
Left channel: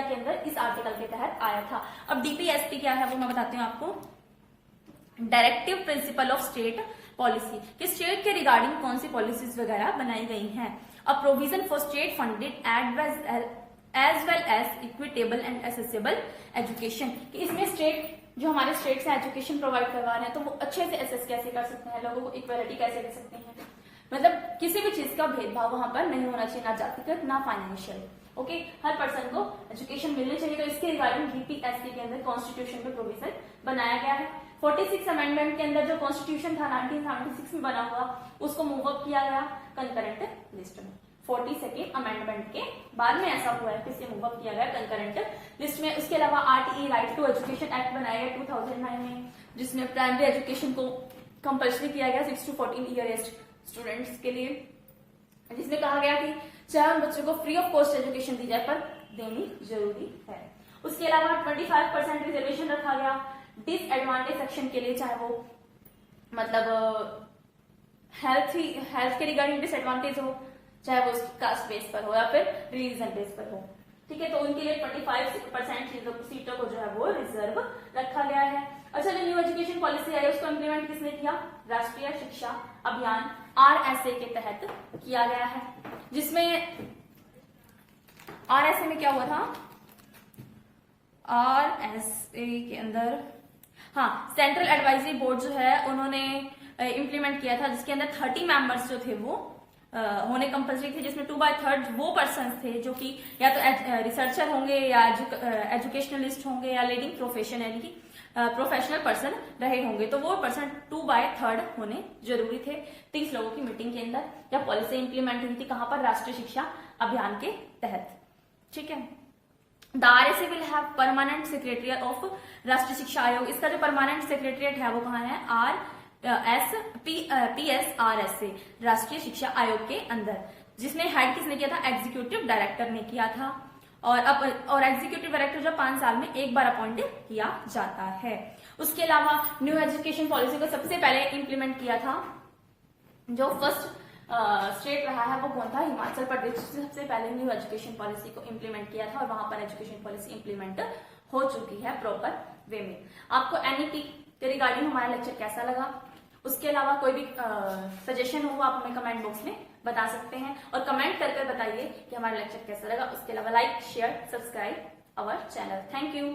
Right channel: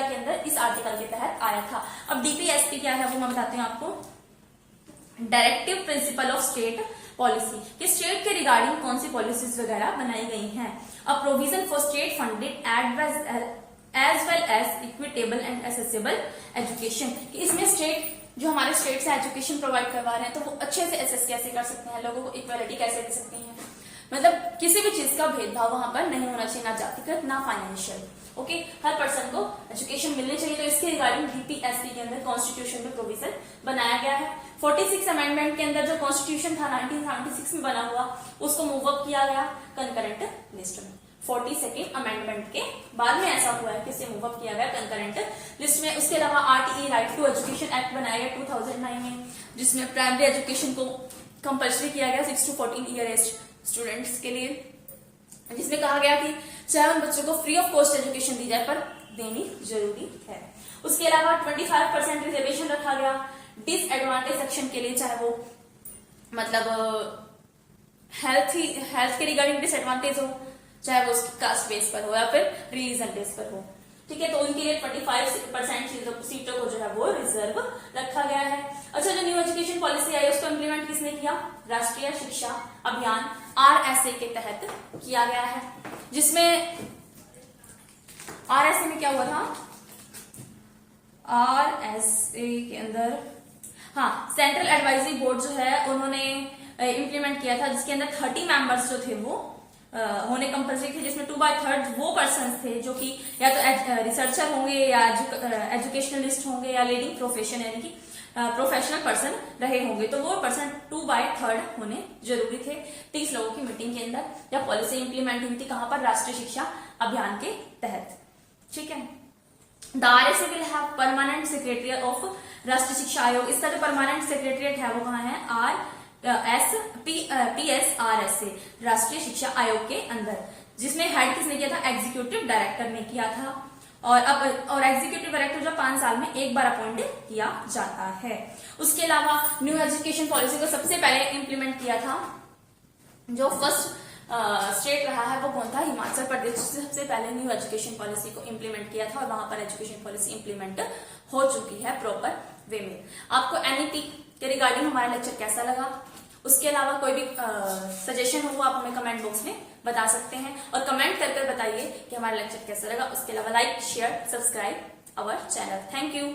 के अंदर इस आर्टिकल के तहत आया था। अब DPSP क्या है वो हम बताते हैं आपको, directive principle of state policy, कि स्टेट के रिगार्डिंग कौन सी पॉलिसीज वगैरह बनाई गई हैं। A provision for state funded as well as equitable and accessible education, कि इसमें स्टेट जो हमारे स्टेट से एजुकेशन प्रोवाइड करवा रहे हैं तो वो अच्छे से एसेस कैसे कर सकते हैं, लोगों को इक्वालिटी कैसे दे सकते हैं, मतलब किसी भी चीज का भेदभाव वहां पर नहीं होना चाहिए, ना जातिगत ना फाइनेंशियल। ओके, हर पर्सन को एजुकेशन मिलनी चाहिए। तो इसके रिगार्डिंग DPSP के अंदर कॉन्स्टिट्यूशन में प्रोविजन बनाया गया है। 46 अमेंडमेंट के अंदर जो कॉन्स्टिट्यूशन था 1976 में बना हुआ उसको मूव अप किया गया कंकरेंट लिस्ट में। 42nd अमेंडमेंट के बाद में ऐसा हुआ है कि इसे मूव अप किया गया कंकरेंट लिस्ट में। उसके अलावा RTE right to education act बनाया गया 2009 में, जिसमें प्राइमरी एजुकेशन को कंपल्सरी किया गया 6 to 14 ईयर एज स्टूडेंट्स के लिए, जिसमें कहा गया कि चाहे उन बच्चों को फ्री ऑफ कॉस्ट एजुकेशन दी जाए पर देनी जरूरी है। उसके अलावा 25% रिजर्वेशन रखा गया डिसएडवांटेज सेक्शन के लिए, चाहे वो मतलब हेल्थ के रिगार्डिंग डिसएडवांटेज हो, चाहे वो उसकी कास्ट बेस पर हो या फिर रिलीजन बेस पर हो, ठीक है। तो उनके लिए 25% सीटों को जो है वो रिजर्व रखा गया है। अच्छा, जो न्यू एजुकेशन पॉलिसी आई है उसको इम्प्लीमेंट किसने किया, राष्ट्रीय शिक्षा अभियान RSA के तहत किया गया है, जिसमें RSA में क्या हुआ था, RSA के अंदर हाँ सेंट्रल एडवाइजरी बोर्ड जो है उन्होंने इम्प्लीमेंट किया था, जिसके अंदर 30 मेंबर्स जो थे वो होने कंपल्सरी थे, जिसमें 2/3 वो पर्सन थे जो कि या तो रिसर्चर होंगे या एजुकेशनलिस्ट होंगे या लीडिंग प्रोफेशन यानी कि प्रोफेशनल पर्सन रहे होंगे, तो वो पर्सन 2/3 होने जरूरी थे। 30 लोगों की मीटिंग के अंदर जब पॉलिसी इंप्लीमेंट हुई थी, कहां पर, राष्ट्रीय शिक्षा अभियान के तहत, ठीक है। The RSA will have permanent secretary of राष्ट्रीय शिक्षा आयोग। इसका जो परमानेंट सेक्रेटरीट है वो कहाँ है, PSRSA राष्ट्रीय शिक्षा आयोग के अंदर, जिसमें हेड किसने किया था, एग्जीक्यूटिव डायरेक्टर ने किया था। और एग्जीक्यूटिव डायरेक्टर जो 5 साल में एक बार अपॉइंट किया जाता है। उसके अलावा न्यू एजुकेशन पॉलिसी को सबसे पहले इंप्लीमेंट किया था, जो फर्स्ट स्टेट रहा है वो कौन था, हिमाचल प्रदेश, जिसने सबसे पहले न्यू एजुकेशन पॉलिसी को इंप्लीमेंट किया था और वहां पर एजुकेशन पॉलिसी इंप्लीमेंट हो चुकी है प्रॉपर वे में। आपको NEP के रिगार्डिंग हमारा लेक्चर कैसा लगा, उसके अलावा कोई भी सजेशन हो वो आप हमें कमेंट बॉक्स में बता सकते हैं, और कमेंट कर बताइए कि हमारा लेक्चर कैसा लगा। उसके अलावा like, share, subscribe our channel. Thank you.